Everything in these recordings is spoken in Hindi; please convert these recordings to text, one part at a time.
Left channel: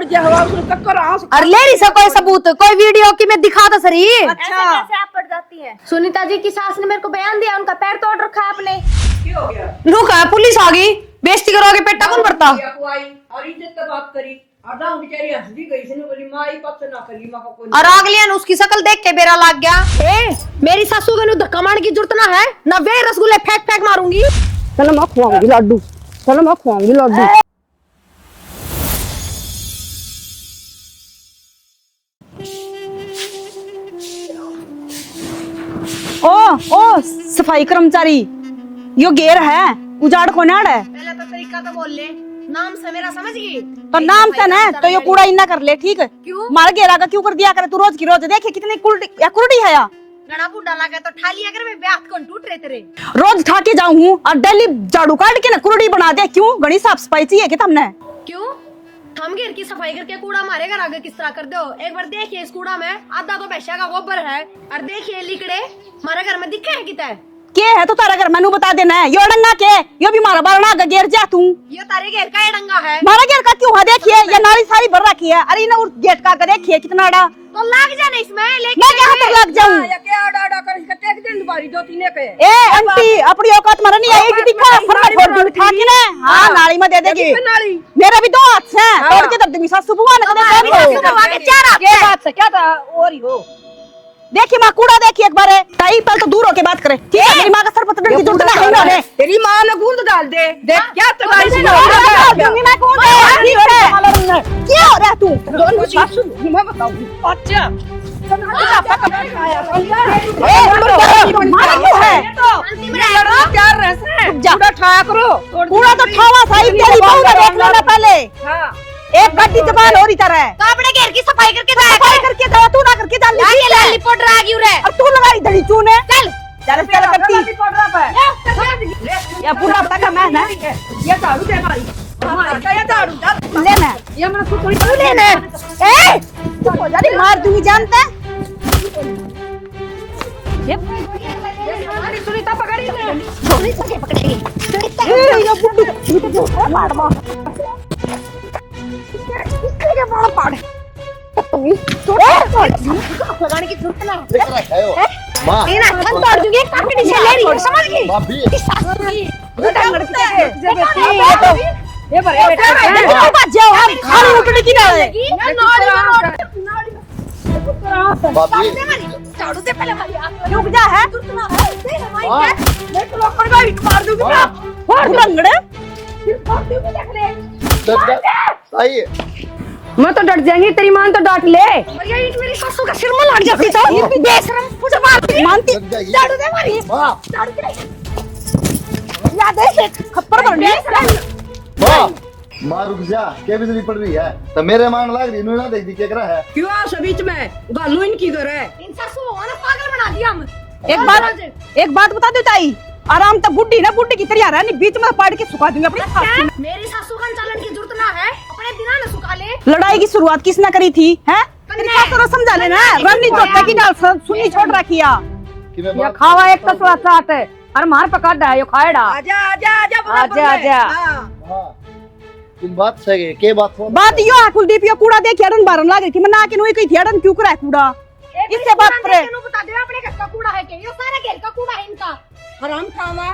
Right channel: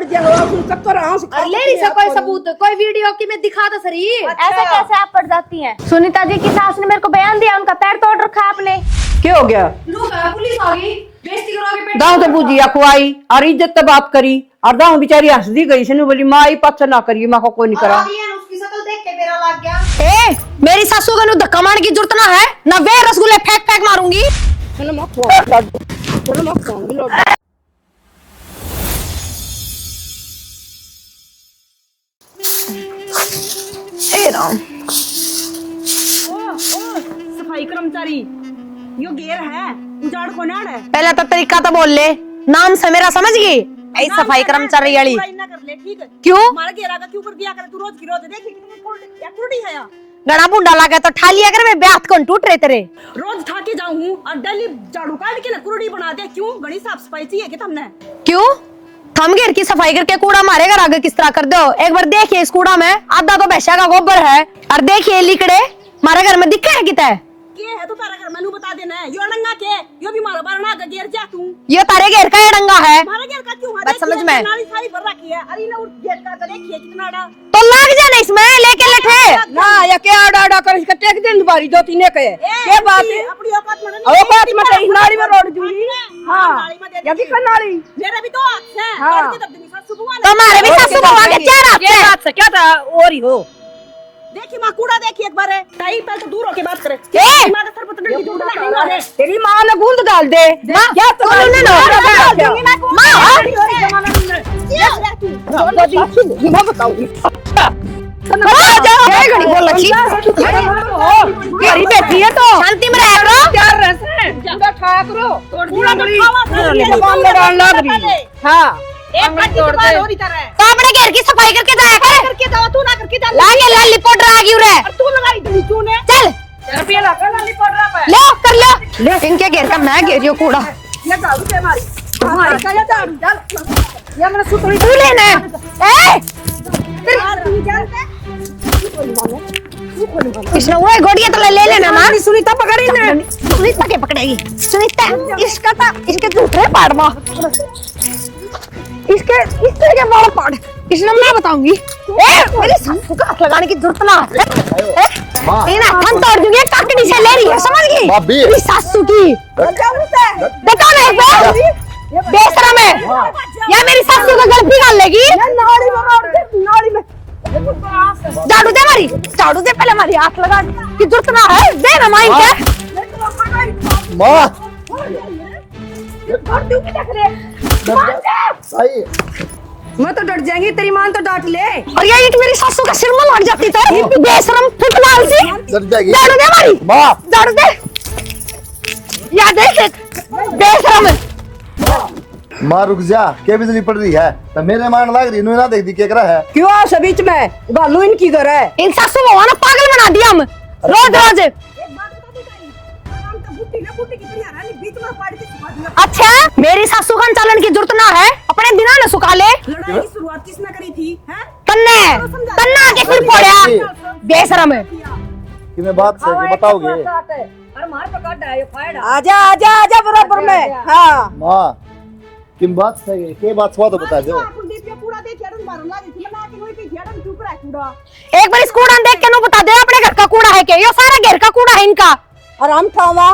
पड़ गया हुआ उसने चक्कर आंस। अरे ले रही सब कोई सबूत, कोई वीडियो की मैं दिखा तो सही। ऐसे कैसे आप पड़ जाती हैं? सुनीता जी की सास ने मेरे को बयान दिया, उनका पैर तोड़ रखा है आपने। क्या हो गया? रुका पुलिस आ गई, बेइज्जती करोगे पेट दाऊ तो बुझिया खुआई और इज्जत तो बात करी और दाऊ बेचारी हंस दी गई से बोली माँ आई पक्ष ना करिए माँ को कोई नहीं और करा। अगले ने उसकी शक्ल देख के बेरा लग गया। ए मेरी सासू को धक्का मारने की जरूरत ना है ना, वे रसगुल्ले फेंक फेंक मारूंगी। चलो मैं खुआऊंगी लड्डू, चलो मैं खुआऊंगी लड्डू। ओ सफाई कर्मचारी, यो गेर है उजाड़ को नाड़ है। पहले तो तरीका तो बोल ले, नाम से मेरा समझ गई। नाम से ना पूरा इन्ना कर ले, ठीक है? क्यों मार गेरा का क्यों कर दिया करे तू रोज की रोज? देखिए कितनी कुर्डी है या गड़ा बुंडा लगा तो ठा लिया कर, मैं ब्याह कौन टूट रहे तेरे। रोज ठा के जाऊं हूं और डेली झाड़ू काट के ना कुर्डी बना दे। क्यों? घनी साफ सफाई चाहिए कि तुमने? क्यों थम घेर की सफाई करके कूड़ा मारे घर आगे किस तरह कर दो। एक बार देखिए इस कूड़ा में आधा तो भैंसा का गोबर है, और देखिए लिकड़े हमारे घर में दिखे है कितना के है तो तारा घर मैनू बता देना है। यो डंगा के यो भी मारा बारना का घेर जा तू। ये तारे घेर का ये डंगा है, मारा घेर का क्यों है? देखिए ये नाली सारी भर रखी है। अरे ना गेट का देखिए कितना बड़ा तो लग जाना इसमें लेके लग जा या क्या आड़ा कर इसका टेक दिन बारी दो तीन के। ए आंटी अपनी औकात मरनी है। औकात में नाली में रोड उठा के ना हां नाली में दे देगी। नाली मेरे भी दो हाथ हैं, तोड़ के दर्द भी सासू बुआ ने। तुम्हारे भी सासू बुआ के चार हाथ हैं। हाथ से क्या था और ही हो। देखिए मां कूड़ा देखिए एक बार है टाई पर तो दूर होके बात करे। तेरी मां का सर पकड़ने की जरूरत नहीं है। तेरी मां ने गुंद डाल दे। क्या तो क्या हो रहा तू? मैं बताऊंगी। अच्छा घड़ी बोल लगी शांति में रह करो। जा ठाया करो। कूड़ा तो ठावा सारी तेरी बहू ने डालना पहले। हां एक कट्टी तो बाल हो रही तरह है। कापड़े घेर की सफाई करके जाया कर। करके जाओ तू ना करके जा। लागे लाली पोटर आ गई रे। और तू लगाई धड़ी तूने। चल चल पे करती ले कर ले इनके घेर का मैं घेरियो कूड़ा। ये दारू दे मारी हमारी क्या दारू चल ले ना ये अपना सुतरी तू लेना ए यार मार तू भी जानता है। इसने वो गोड़िया तो ले लेना ना। सुनीता पकड़ी ने। सुनीता के पकड़ेगी सुनीता इसका तो इसके दूसरे पाड़ में इसके के बाल पाड़ इसने मैं बताऊंगी। मेरे सासू को हाथ लगाने की जरूरत ना है। माँ इन्हें हम तोड़ दूंगी काटनी से ले रही है समझ गई। मेरी सासू की बता नहीं ये बेशरम है या मेरी सासू को गलती डाल लेगी। नाली में झाड़ू दे मारी झाड़ू दे पहले मारी हाथ लगा दिया है जरूरत ना है दे ना माई के मैं तो लोग पड़ गई मार दूंगी और रंगड़े मार दूंगी देख ले सही है। मैं तो डट जाएंगी, तेरी मां तो डांट ले। और ये ईंट मेरी सासू का सिर में लग जाती तो बेशरम फुटबॉल सी झाड़ू दे मारी झाड़ू दे या देख खप्पर बेशरम माँ रुक जा, क्या बिजली पड़ रही है? तो मेरे मान लग रही ना देख दी क्या करा है? क्यों आ बीच में गालू इनकी घर है। इन सासू को ना पागल बना दिया हम। एक बात बता दो ताई, आराम तो बुड्ढी ना बुड्ढी की तरह रहा नहीं बीच में पाड़ के सुखा दूंगी। अच्छा मेरी सासू का चालन की जरूरत ना है, अपने दिना न सुखा ले। लड़ाई की शुरुआत किसने करी थी? हैं तन्ने समझा तन्ना बेशरम किया कि मैं बात खावा एक तो बताओगे? चाहते है अरे मार पका डा यो खाएड़ा। आजा आजा आजा बराबर में हां माँ कि बात सही है, के बात स्वाद बात यो है कुलदीप यो कूड़ा देख अड़न बारन लाग रही थी। मैं ना के नोई कही थी अड़न क्यों करा कूड़ा? एक बार इस कूड़ा देख के नो बता दे अपने घर का कूड़ा है के यो सारा घर का कूड़ा है इनका। आराम खावा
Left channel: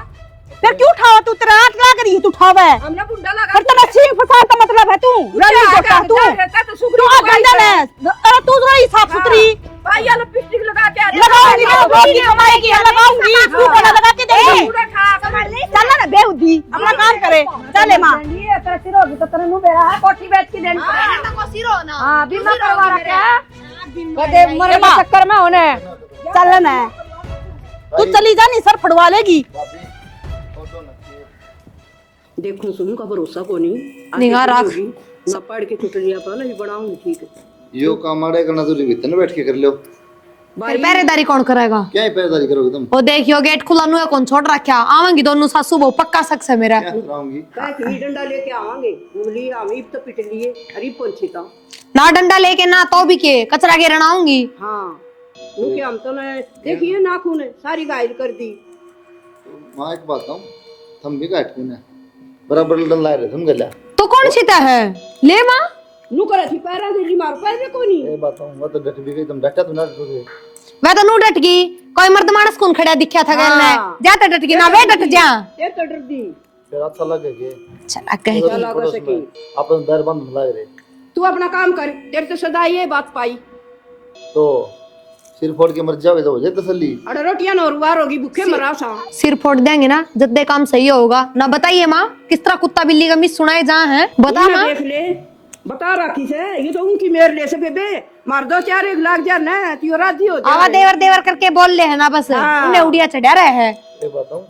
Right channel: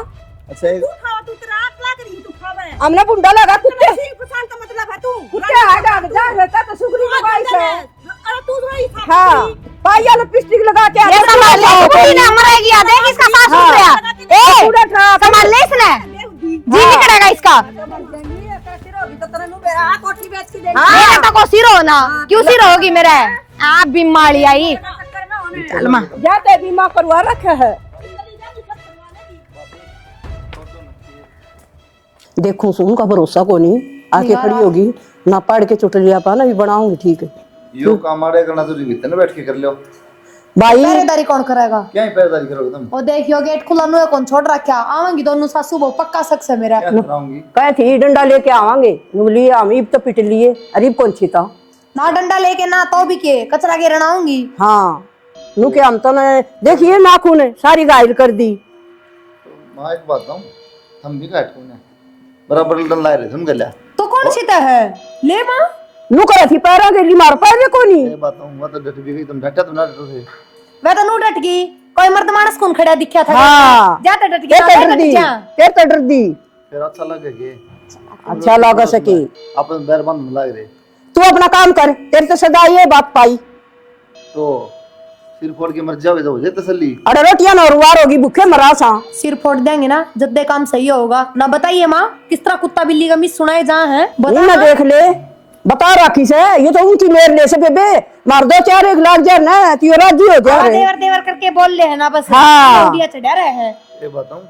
फिर क्यों उठावा तू? तेरा हाथ लगा रही तू उठावा है। हमने बुंडा लगा तेरा छीन फसा का मतलब है तू तू रहता तो सुगरी गंदा है। अरे तू जरा ही साफ सुथरी भाई यार लिपस्टिक लगा के हमारा एक याद है इसका सासू है लगा के दे पूरा ठा संभाल ले इसने बेहुदी जी नहीं करेगा इसका। चले मां ये तेरा सिर होगी तो तेरे नु मेरा कोठी बेच के देना मेरा तो को सिर होना क्यों सिर होगी मेरा? आप बीमारी आई मेरे चक्कर में होने चले ना मां करवा रखा है। तू चली जा नहीं सर फड़वा लेगी। देखो सुन का भरोसा को नहीं आके खड़ी होगी ना पढ़ के चुटलिया पा ना भी बनाऊंगी ठीक है। यो काम आड़े करना जरूरी भीतर न बैठ के कर लो। भाई पहरेदारी कौन करेगा? क्या ही पैरदारी करोगे तुम? वो देखियो गेट खुला नु है कौन छोड़ रखा आवेंगी दोनों सासू बहु पक्का सक्स है मेरा। क्या कराऊंगी? कहे थी डंडा लेके आवांगे नुबली हम इब तो पिट लिए अरे कौन छीता ना डंडा लेके ना तो भी के कचरा घेरना आऊंगी। हाँ नु के हम तो ने देखिए नाखून है सारी घायल कर दी। माँ एक बात कहूं, हम भी काट कूने बराबर लड़न लाए रहे तुम गल्या तो कौन छीता है ले मां नु करे थी पैरा के मार पैर कोनी ये बताऊं वो तो डट भी गई, तुम डटा तो ना डटो थे। मैं तो नू डट गई, कोई मर्द मानस कौन खड़ा दिखा था हाँ। जा तो डट गई ना, मैं डट जा तेरे तो डर दी फिर अच्छा लगे के चला कहीं अच्छा लगा सके। अपन बैर बंद लग रहे तू अपना काम कर, तेरे तो सदा ये बात पाई। तो सिर फोड़ के मर जाओगे तो हो जाए तसल्ली। अरे रोटियां ना रुवार होगी, भूखे मरा सा। सिर फोड़ देंगे ना जिद्दे काम सही होगा ना। बताइए माँ किस तरह कुत्ता बिल्ली का मिस सुनाए जहाँ है बता ना देख ले, बता राखी से ये तो ऊंची मेर ले से बेबे मार दो 4 लाख जा ना तू राजी हो जा। देवर देवर करके बोल ले है ना बस। हाँ। उड़िया चढ़ा रहे हैं। एक बताऊं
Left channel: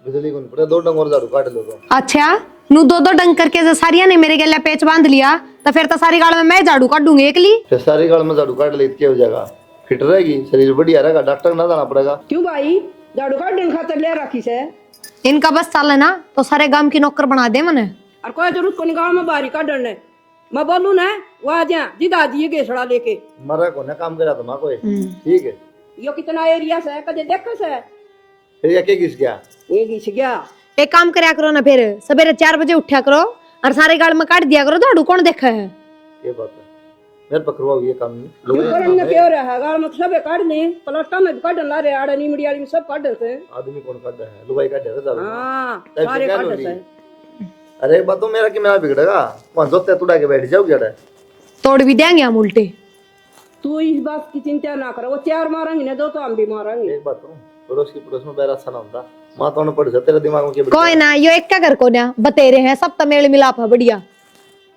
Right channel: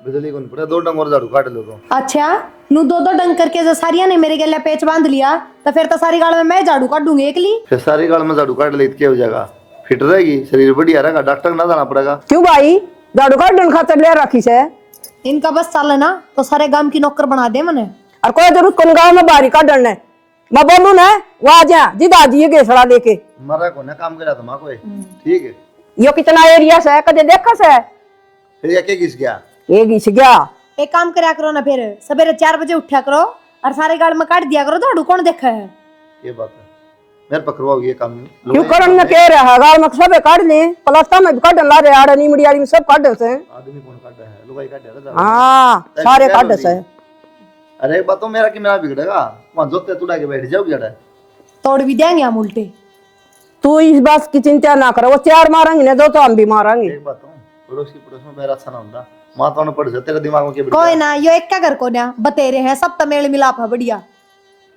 बिजली को नहीं पड़ा, 2 डंग और झाड़ू काट लो तो। अच्छा नू 2 डंग करके जो सारिया ने मेरे गले पेच बांध लिया तो फिर तो सारी गाड़ में मैं झाड़ू काटूंगी एकली। फिर सारी गाड़ में झाड़ू काट ले क्या हो जाएगा, फिट रहेगी, शरीर बढ़िया रहेगा, डॉक्टर ना जाना पड़ेगा। क्यों भाई झाड़ू काटने खातर ले राखी से? इनका बस चल है ना तो सारे गांव की नौकर बना दे मने। और कोई जरूरत कौन गाँव में बाहरी काटने ने, मैं बोलू ना वहां जा जी दादी गेसड़ा लेके मरा को ना काम करा तुम कोई ठीक है। यो कितना एरिया से कदे देखा से फिर ये क्या घिस गया? ये घिस गया। एक काम करया करो ना, फिर सवेरे 4 बजे उठा करो और सारे गाड़ में काट दिया करो, झाड़ू कौन देखा है? ये बात है मेरे पकड़वाओ ये काम नहीं। क्यों करन ने कह रहा गाल में सब काट ले, पलस्ता में भी काटन ला रे आड़नी मिडियाली में सब काट से। आदमी कौन काट है? लुगाई काट है। हां सारे काट से। अरे एक बात तो मेरा कि मेरा बिगड़ेगा, कौन जोते तुड़ा के बैठ जाओ जड़ा तोड़ भी देंगे हम उल्टे। तू इस बात की चिंता ना कर, वो 4 मारेंगे ना 2 तो हम भी मारेंगे। एक बात पड़ोस की पड़ोस में बैरा अच्छा ना होता, मां तो पड़ जा तेरे दिमाग में क्या कोई ना यो एक क्या कर को ना बतेरे हैं सब तो मेल मिलाप है बढ़िया,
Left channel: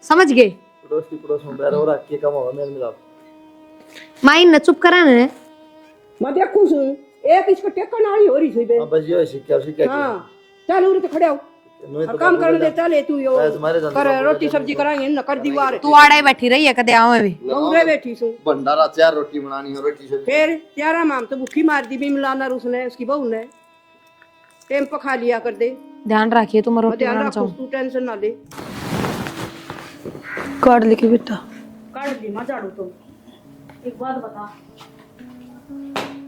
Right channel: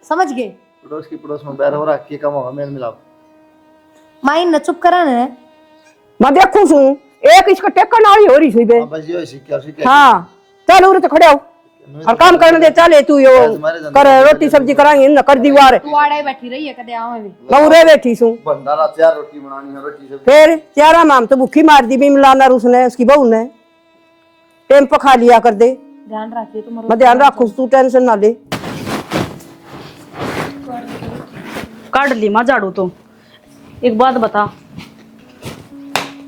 समझ गए? पड़ोस की पड़ोस में बैरा हो रहा के कम होगा मेल मिलाप। माइन न चुप करा ना, मैं देखूं सु एक इसका टेक्कन वाली हो रही सुई बे। अब बस यो सिक्का हां चल उरे तो खड़े हो और काम करने दे। चले तू यो कर रोटी सब्जी कराएंगे ना कर दीवार तू आड़े बैठी रही है कदे आवे भी मैं उरे बैठी सु। भंडारा 4 रोटी बनानी है, रोटी से फिर 4 माम तो भूखी मार दी भी मिलाना उसने उसकी बहू ने टाइम पर खा लिया कर दे। ध्यान रखिए तुम। मैं ध्यान रखूं, तू टेंशन ना ले। काट ली के बेटा, काट ली माँ झाड़ू। तो एक बात बता,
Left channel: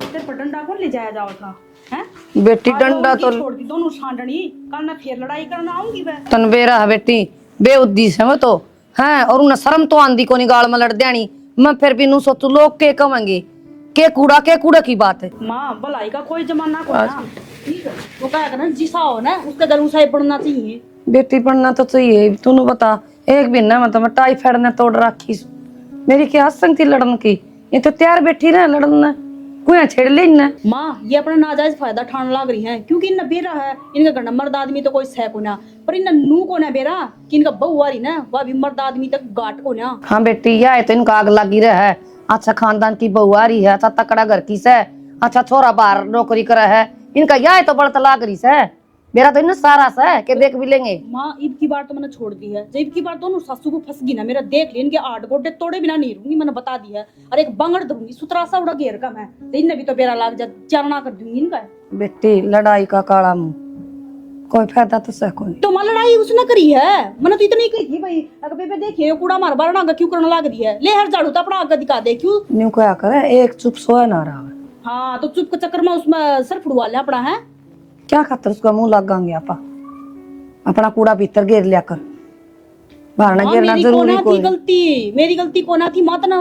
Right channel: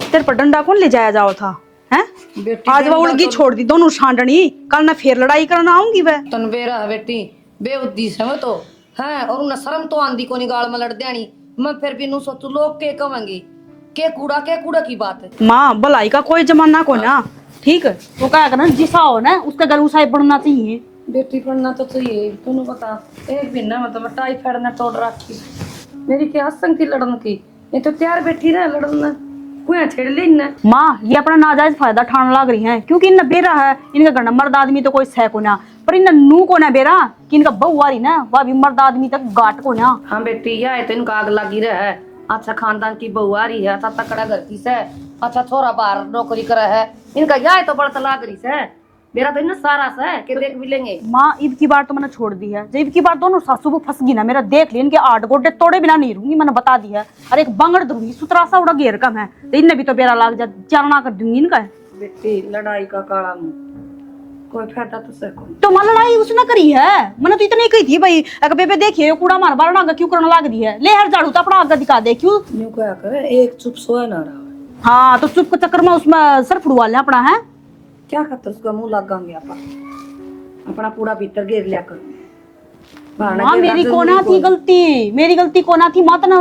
तेरे पर डंडा कौन ले जाया जाओ था हैं? बेटी आज वो डंडा उनकी तो छोड़ दी दोनों छांडनी, कल ना फिर लड़ाई करना आऊंगी वह। तन बेरा है बेटी बेउद्देश्य है वो तो हैं, और उन्हें शर्म तो आंदी कोनी गाल में लड़ देनी। मैं फिर भी नू सोचू लोग के कहेंगे के कूड़ा की बात है। माँ भलाई का कोई जमाना को ना, ठीक है वो क्या करना जिसा हो ना उसका गल उसाई पड़ना चाहिए। बेटी पढ़ना तो चाहिए, तूने बता एक भी ना मतलब टाइफाइड ने तोड़ रखी मेरी क्या आसंग थी लड़न की, ये तो तैयार बैठी रहे लड़न कोई छेड़ ले ना। माँ ये अपना नाजायज फायदा ठान लाग रही है, क्योंकि इनका बेरा है, इनका घर मर्द आदमी तो कोई सह को ना, पर इनका नू को ना बेरा कि इनका बहू आ रही ना वह भी मर्द आदमी तक गाट को ना। हाँ बेटी यह तो इनका आग लगी रहा है, अच्छा खानदान की बहू आ रही है, अच्छा तकड़ा घर की से, अच्छा छोरा बाहर नौकरी करे है, इनका यह तो बढ़ता लाग रही से। मेरा तो इन सारा सा है कि देख भी लेंगे। माँ ईद की बार तो मैंने छोड़ दी है, जब ईद की बार दोनों सासू को फंस गई ना, मेरा देख ली इनके 8 गोटे तोड़े बिना नहीं रहूंगी, मैंने बता दिया है। और एक बंगड़ दूंगी सुतरा सा उड़ा घेर कम है तो इनने भी तो बेरा लाग जा चरना कर दूंगी इनका। बेटी लड़ाई का काला मुंह कोई फायदा तो सह कोई। तो मां लड़ाई उसने करी है, मैंने तो इतनी कही थी भाई अगर बेबे देखिए कूड़ा मार बार आगे क्यों करने लाग दी है, ले हर झाड़ू तो अपना आगे दिखा दे क्यों। न्यू क्या करे एक चुप सोया ना रहा। हाँ तो चुप के चक्कर में उसमें सर फुड़वा ले अपना है क्या खातर उसका मुंह लगाएंगे आपा, अपना कूड़ा भीतर घेर लिया कर। मां मेरी कोना थी गलती, मेरी गलती कोना थी मत ना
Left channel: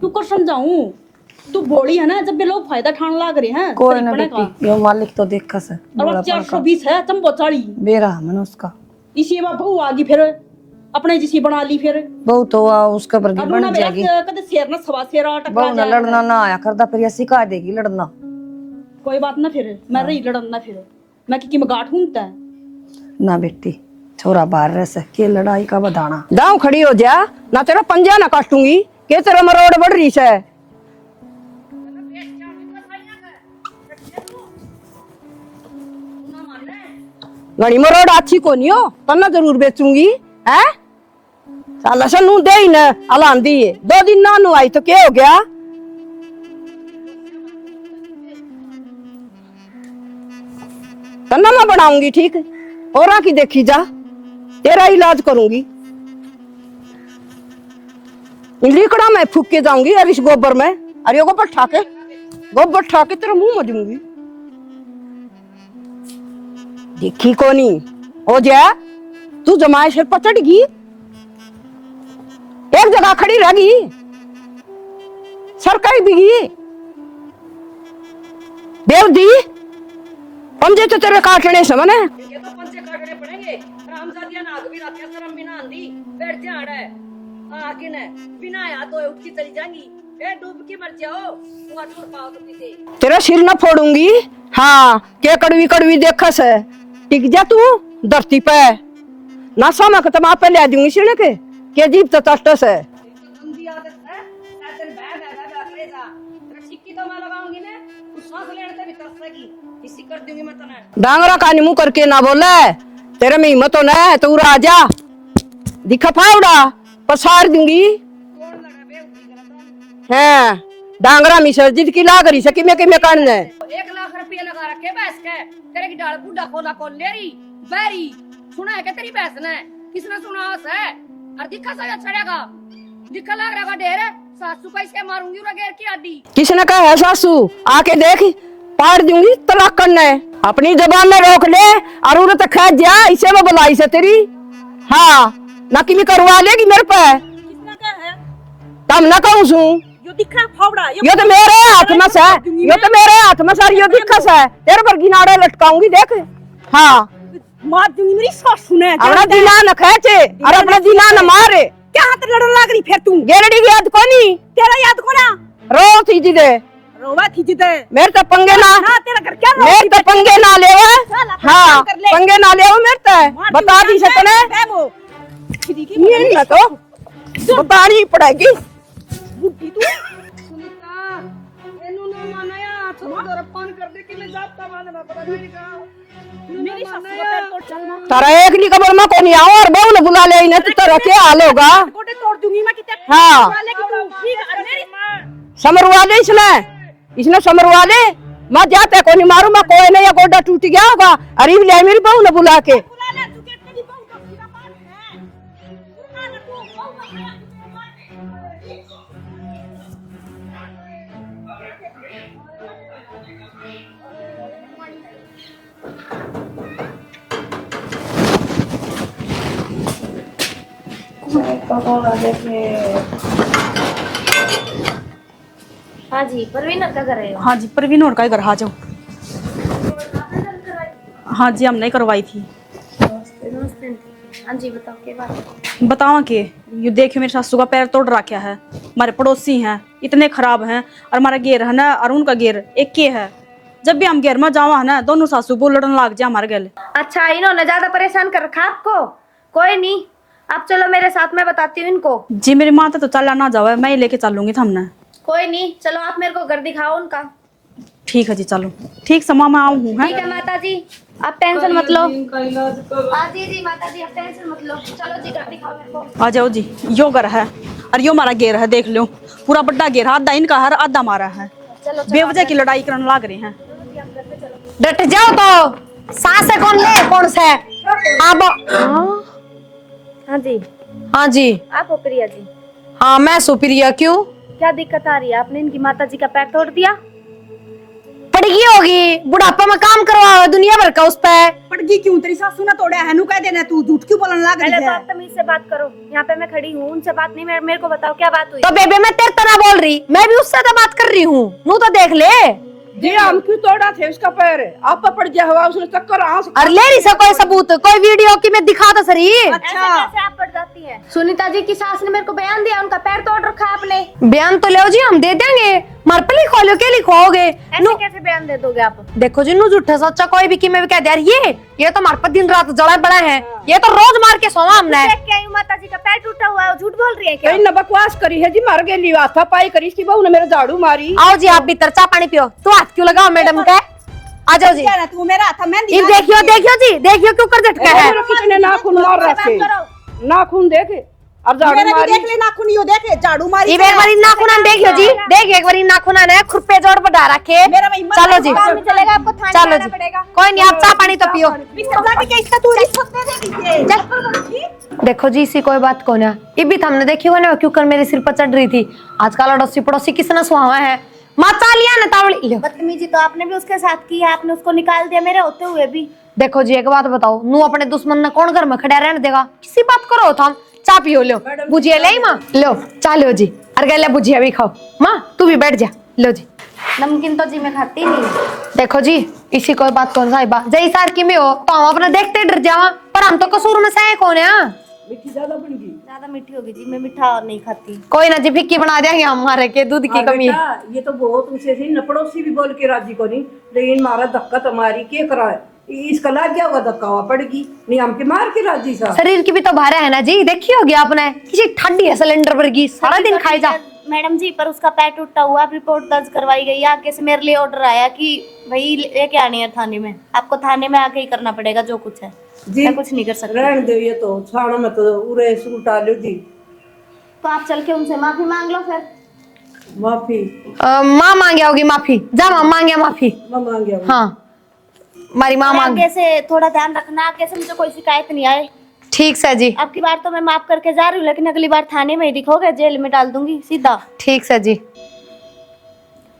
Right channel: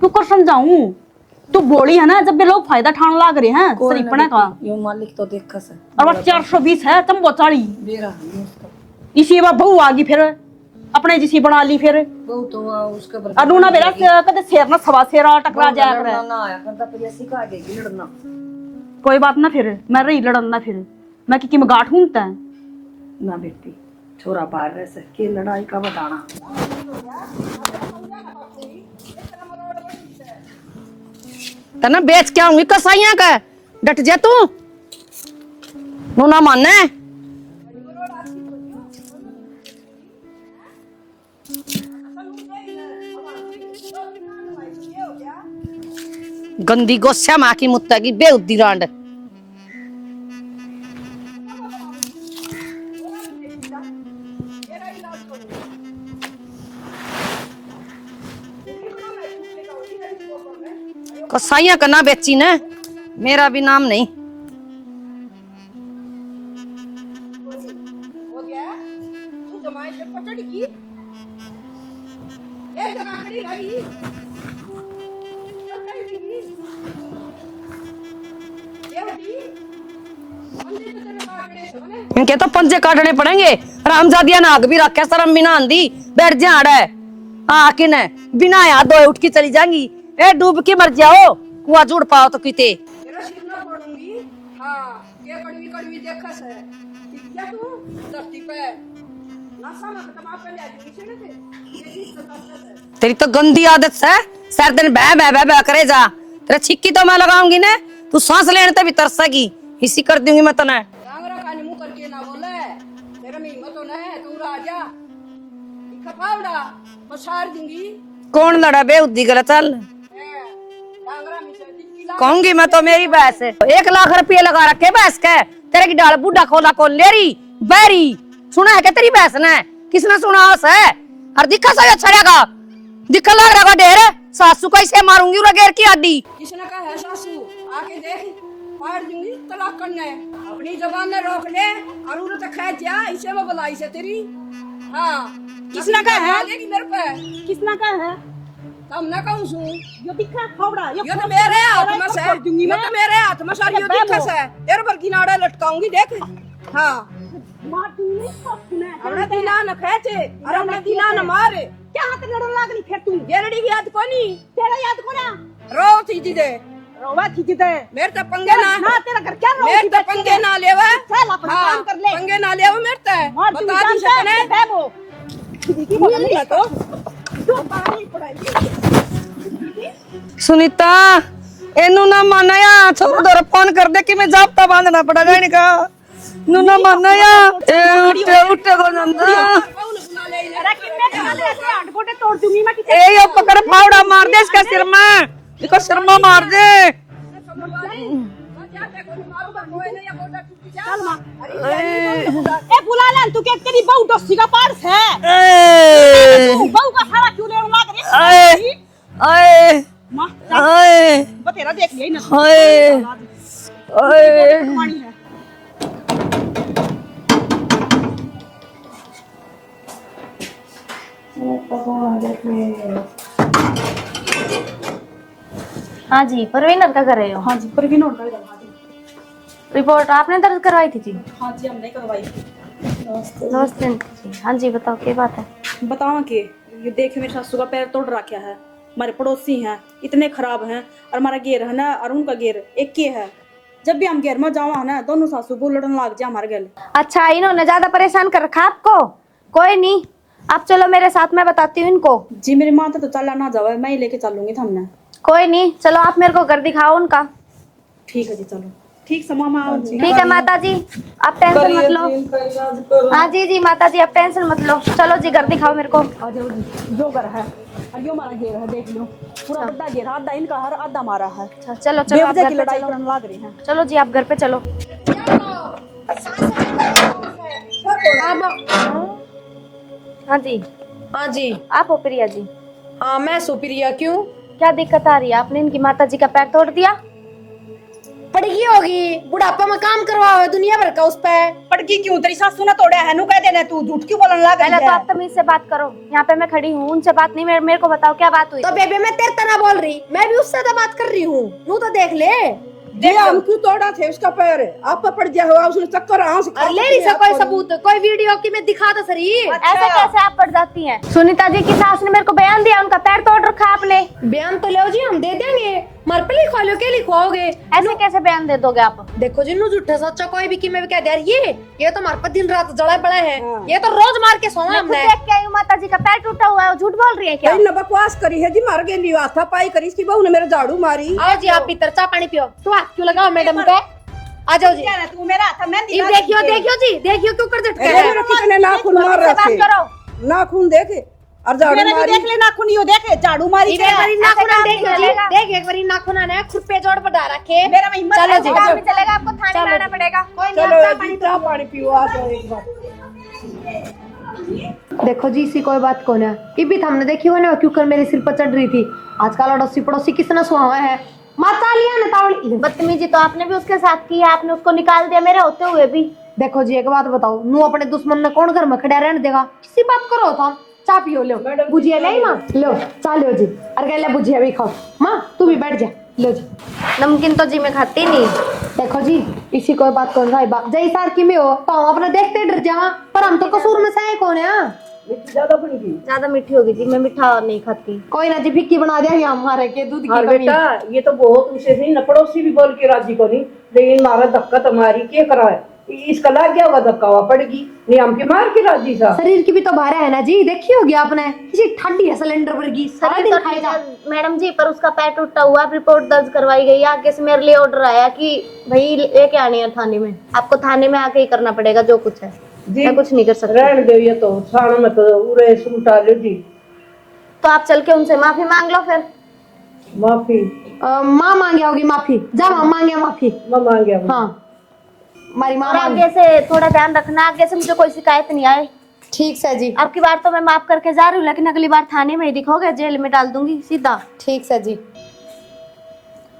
क्यों कर समझाऊं। तू बोली है ना जब भी लोग फायदा ठान लाग रहे हैं सरीपने का। यो मालिक तो देखा से और 420 है चंबो 40 बेरा मैंने उसका इसी बार बहू आ गई फिर अपने जिसी बना ली फिर बहु तो उसके पर अरुणा मेरा कदे शेर ना सवा शेरा टकरा जाए लड़ना ना आया करदा फिर ये सिखा देगी लड़ना। कोई बात ना फिर मैं रही लड़ना फिर मैं की में गांठ हूं तै ना बेटी छोरा बाहर रह सके लड़ाई का बधाना। दाऊ खड़ी हो जा ना तेरा पंजा ना काटूंगी के तेरा मरोड़ बढ़ रही है तना बेच के आऊंगी कसाइयां का डट जा तू नु ना माने घड़ी मरोड़ अच्छी को नहीं हो तना जरूर बेचूंगी है। लसन नू दे ही ना अलांदी 2 दिन ना नु आई तो क्या हो गया। गंदी गोस्या मां की मुत्ता की बेउद्दी रांड तना मैं बनाऊंगी ठीक औरा की देखी जा तेरा इलाज करूंगी। लिकड़ा मैं फूक के जाऊंगी और इस गोबर में अरे गोबर कसाइयां का ना बेची ना गोबर ठाके मेरा भी नाम नहीं देखी कोनी हो जा तू जमाए से पचड़ गई एक जगह खड़ी रहेगी, सरकारी बिगी बेवदी। पंजे तो तेरे काटने समझ है, इनके तो पंजे काटने पड़ेंगे। रामजादिया नाग भी रखे शर्म बिना आंधी बैठ जाड़ है। किन बिना यहाँ दो उठ के चली जाएंगी। ए डूब के मर जाओ, कुआ जुड़ पाओ तो किते। तेरा सिर न फोड़ूंगी। हाँ के कड़वी कड़वी देखस है, टिक जा तू धरती पे ना समक तो पे ले दूंगी सिर के जीप तो तटस है। तेरी तो गंदी आदत है, सर दिन बह बह बह बह करे जा। तेरा छिक्की तो मैं लगाऊंगी ना, तू सांस लेने तभी तरसेगी। इसी कर दूंगी मैं तने। डांगरा का मुंह करके ना बोले, तेरे में हिम्मत हो ना तू राजा दिखा फावड़ा पसार दूंगी। कौन लड़ा बेउद्दी गलत चल है डांगरा मिसर्जित की लाग रही मैं तो 1 लाख रुपये लगा रखे भैंस के। तेरे की डाल बूढ़ा खोला खोल लेरी बैरी सुना है क्या तेरी भैंस ने? किसने सुना उस है? और दिखा सा छड़ेगा, दिखा लग रहा ढेर। सासू को इसे मारूंगी उरा घेर की आडी। किसने कहा है सासू? आके देख पाड़ दूंगी तलाक करने। अपनी जबान में रोक ले और उन्हें तो खा जा, इसे में बुलाई से तेरी। हाँ नकी भी करवा लेगी मेरे पे। किसना का है? तब ना कहूँ सू यो दिखा फावड़ा, ये तो मेरे हाथ में से, ये तो मेरे हाथ में सर ये दिखा से तेरे पर गिनाड़ा लटकाऊंगी देख। हाँ मार दूंगी मेरी सासू ने। अपना दिला न खेचे और अपना दिला न मारे। क्या हाथ लड़न लग रही फिर तू? गेरड़ी की याद कोनी तेरा याद कोना रो थी जी दे रोवा थी जिदे। मेरे तो पंगे ना तेरा घर क्या मेरे तो पंगे ना ले। हाँ पंगे ना ले मेरे तो बता दी से तने वो ये तो बतानी पड़ेगी। सुनीता एनु ना मानया छोड़ दो, फोन कर दे कि मैं जाप्ता बांधना पड़ेगा इनका। नु ना मानया अरे एक नी खबर में कोनी आओ और बहू ने बुला ले इन्हें तो तेरा क्या हाल होगा। गोटे तोड़ दूंगी मैं किते। ए तेरा पावड़ा मार दे इसका सिर में। समरवा दे इसने समरवा दे। मैं जाते कोनी मारू मैं कोई नहीं, या गोडा टूट गया होगा। अरे ले मेरी बहू ने बुला के बुला ले तू। क्या तेरी बहू डस्सी का पार्स है? बहू का सारा क्यों ले मार रही? आए आए बतेरा देख ले ना। आए आए हाँ जी, परवीन का कर रहे हो? हाँ जी परवीन और का घर आ जाओ। रिपोर्ट आपने दर्ज करवाई थी जी? हाँ जी हमने करवाई थी। नमस्ते। हाँ जी बताओ क्या बात है? बताओ कि ये देखियो मेरी सासू का पैर तोड़ रखा है। हमारे पड़ोसी हैं इतने खराब हैं और हमारा गेर है ना और उनका गेर एक के है। जब भी हम गेर में जावा है ना दोनों सासू को लड़न लग जाए हमारे गले। अच्छा इन्होंने ज्यादा परेशान कर रखा आपको? कोई नहीं, आप चलो मेरे साथ, मैं बताती हूँ इनको। जी मेरे माता तो चला ना जाओ, मैं ही लेके चलूंगी हमने। कोई नहीं, चलो आप मेरे को घर दिखाओ उनका। ठीक है जी चलो। ठीक समा मैं आऊँ। ठीक है माता जी आप टेंशन मत लो। हाँ जी जी माता जी आप टेंशन मत लो। चलो जी घर दिखाओ मेरे को। आ जाओ जी। यो घर है और यो हमारा गेर है, देख लो पूरा बड़ा गेर है। आधा इनका है आधा हमारा है। चलो बेवजह की लड़ाई करने लग रहे हैं। चलो जी आप घर पे चलो। डट जाओ तो। सांस है कौन ले कौन सा है? अब हाँ जी हाँ जी आप हो प्रिया जी? हाँ मैं सुप्रिया। क्यों क्या दिक्कत आ रही है? आपने इनकी माता जी का पैर तोड़ दिया? पड़गी होगी, बुढ़ापा में काम करवाओ दुनिया भर का उस पे। पड़गी क्यों? तेरी सासू ने तोड़े है, नु कह देना तू झूठ क्यों बोलने लग रही पहले तो है? आप तमीज से बात करो। यहाँ पे मैं खड़ी हूँ, उनसे बात नहीं। मेरे को बताओ क्या बात हुई? तो बेबे मैं तेरे तरह बोल रही, मैं भी उससे तो बात कर रही हूँ। नू तो देख ले। हम क्यों तोड़ा थे उसका पैर? आप पर पड़ गया हुआ उसने चक्कर से। और ले रही सा कोई सबूत, कोई वीडियो की मैं दिखा तो सही। ऐसे कैसे आप पड़ जाती हैं? सुनीता जी की सास ने मेरे को बयान दिया, उनका पैर तोड़ रखा आपने। बयान तो लो जी हम दे देंगे, मार पे लिखो लो के लिखोगे। ऐसे कैसे बयान दे दोगे आप? देखो जी नू झूठे सोचा कोई भी कि मैं भी कह दे ये तो मार पर दिन रात जड़ा बड़ा है। ये तो रोज मार के सोवा हमने। देख के आई हूं, माता जी का पैर टूटा हुआ है, झूठ बोल रही है क्या? न बकवास करी है जी, मर गई हाथा पाई करी इसकी बहू ने मेरे झाड़ू मारी। आओ जी आप भीतर चाय पानी पियो। तो हाथ क्यों लगाओ मैडम पे? आ जाओ जी। तू मेरा हाथ मैं ये देखियो देखियो जी, देखियो क्यों कर झटका है। कितने नाखून मार रखे, नाखून देखे और झाड़ू मारी। देख ले नाखून यो देख ले झाड़ू मारी। एक बारी नाखून देखियो जी, देख एक बारी नाखून है खुरपे जोड़ पर डाल रखे। चलो जी काम नहीं चलेगा, आपको थाने चलो जाना जी। पड़ेगा। कोई नहीं आप चाय पानी तो पियो। देखो जी इसी कोई बात को ना, ये भी हमने देखी हो ना क्यों कर मेरे सिर पर चढ़ रही थी। आजकल अड़ोसी पड़ोसी किसने सुहा है माचा लिया ना तावड़ी। बदतमीजी तो आपने भी उसके साथ की है, आपने उसको निकाल दिया मेरे होते हुए भी। देखो जी एक बात बताओ, नू अपने दुश्मन ने कौन घर में खड़ा रहने देगा? किसी बात करो तो चा पियो लो भुजिया ले माँ लो चा लो जी और गैला भुजिया भी खाओ माँ तू भी बैठ जा लो जी नमकीन तो जी मैं खाती नहीं। देखो जी इसी कोई बात कौन साहिबा जय सार की में हो तो हम अपने देखते डर जावा पर हम तो कसूर में सह कौन है ज्यादा मीठी होगी जी, मैं मीठा नहीं खाती। कोई ना जी फिक्की बना देंगे हमारे के दूध की कमी बेटा ये तो बहुत उसे सही न पड़ोसी भी बोल के राजी को नहीं, लेकिन मारा धक्का तुम्हारी क्या करा है, इसका लाग गया होगा धक्का हुआ पड़ेगी नहीं हमके मार के राजी सा। शरीर की भी तो भारा है ना जी देखी होगी आपने किसी ठंडी है सिलेंडर पर की सारा दिन खाई जा। मैडम जी पर उसका पैर टूटा हुआ, रिपोर्ट दर्ज करवाई गई है। आगे से मेरे लिए ऑर्डर आया कि भाई लेके आनी है थाने में, आपको थाने में आके ही करना पड़ेगा जो कुछ है, मैं कुछ नहीं कर सकती। रहने दो ये तो छाना मत उरे सूटा लो जी। तो आप चल के उनसे माफी मांग लो फिर। माफी माँ मांगे होगी माफी जा मांगे माफी मैं मांग गया। हाँ हमारी माँ मांगे आगे से थोड़ा ध्यान रखना, आगे से मुझे कोई शिकायत नहीं आए। ठीक है जी आपकी बार तो मैं माफ करके जा रही हूँ, लेकिन अगली बार थाने में ही दिखोगे, जेल में डाल दूंगी सीधा। ठीक है जी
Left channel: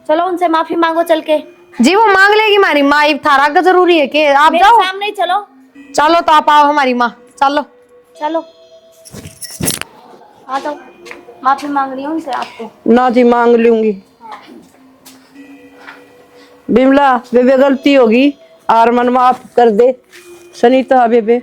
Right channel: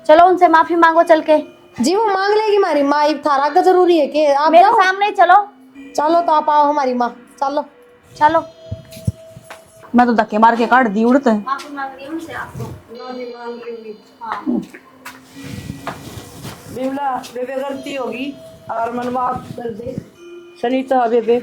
चलो उनसे माफी मांगो चल के। जी वो मांग लेगी हमारी माँ थारा का जरूरी है कि आप मेरे जाओ सामने ही चलो। चलो तो आप आओ हमारी माँ चलो चलो मैं तो धक्के मार के काट दी उड़ते। माफी मांग रही हूँ उनसे आपको। ना जी मांग लूंगी। बिमला बेबे गलती होगी और मन माफ कर दे सनीता बेबे।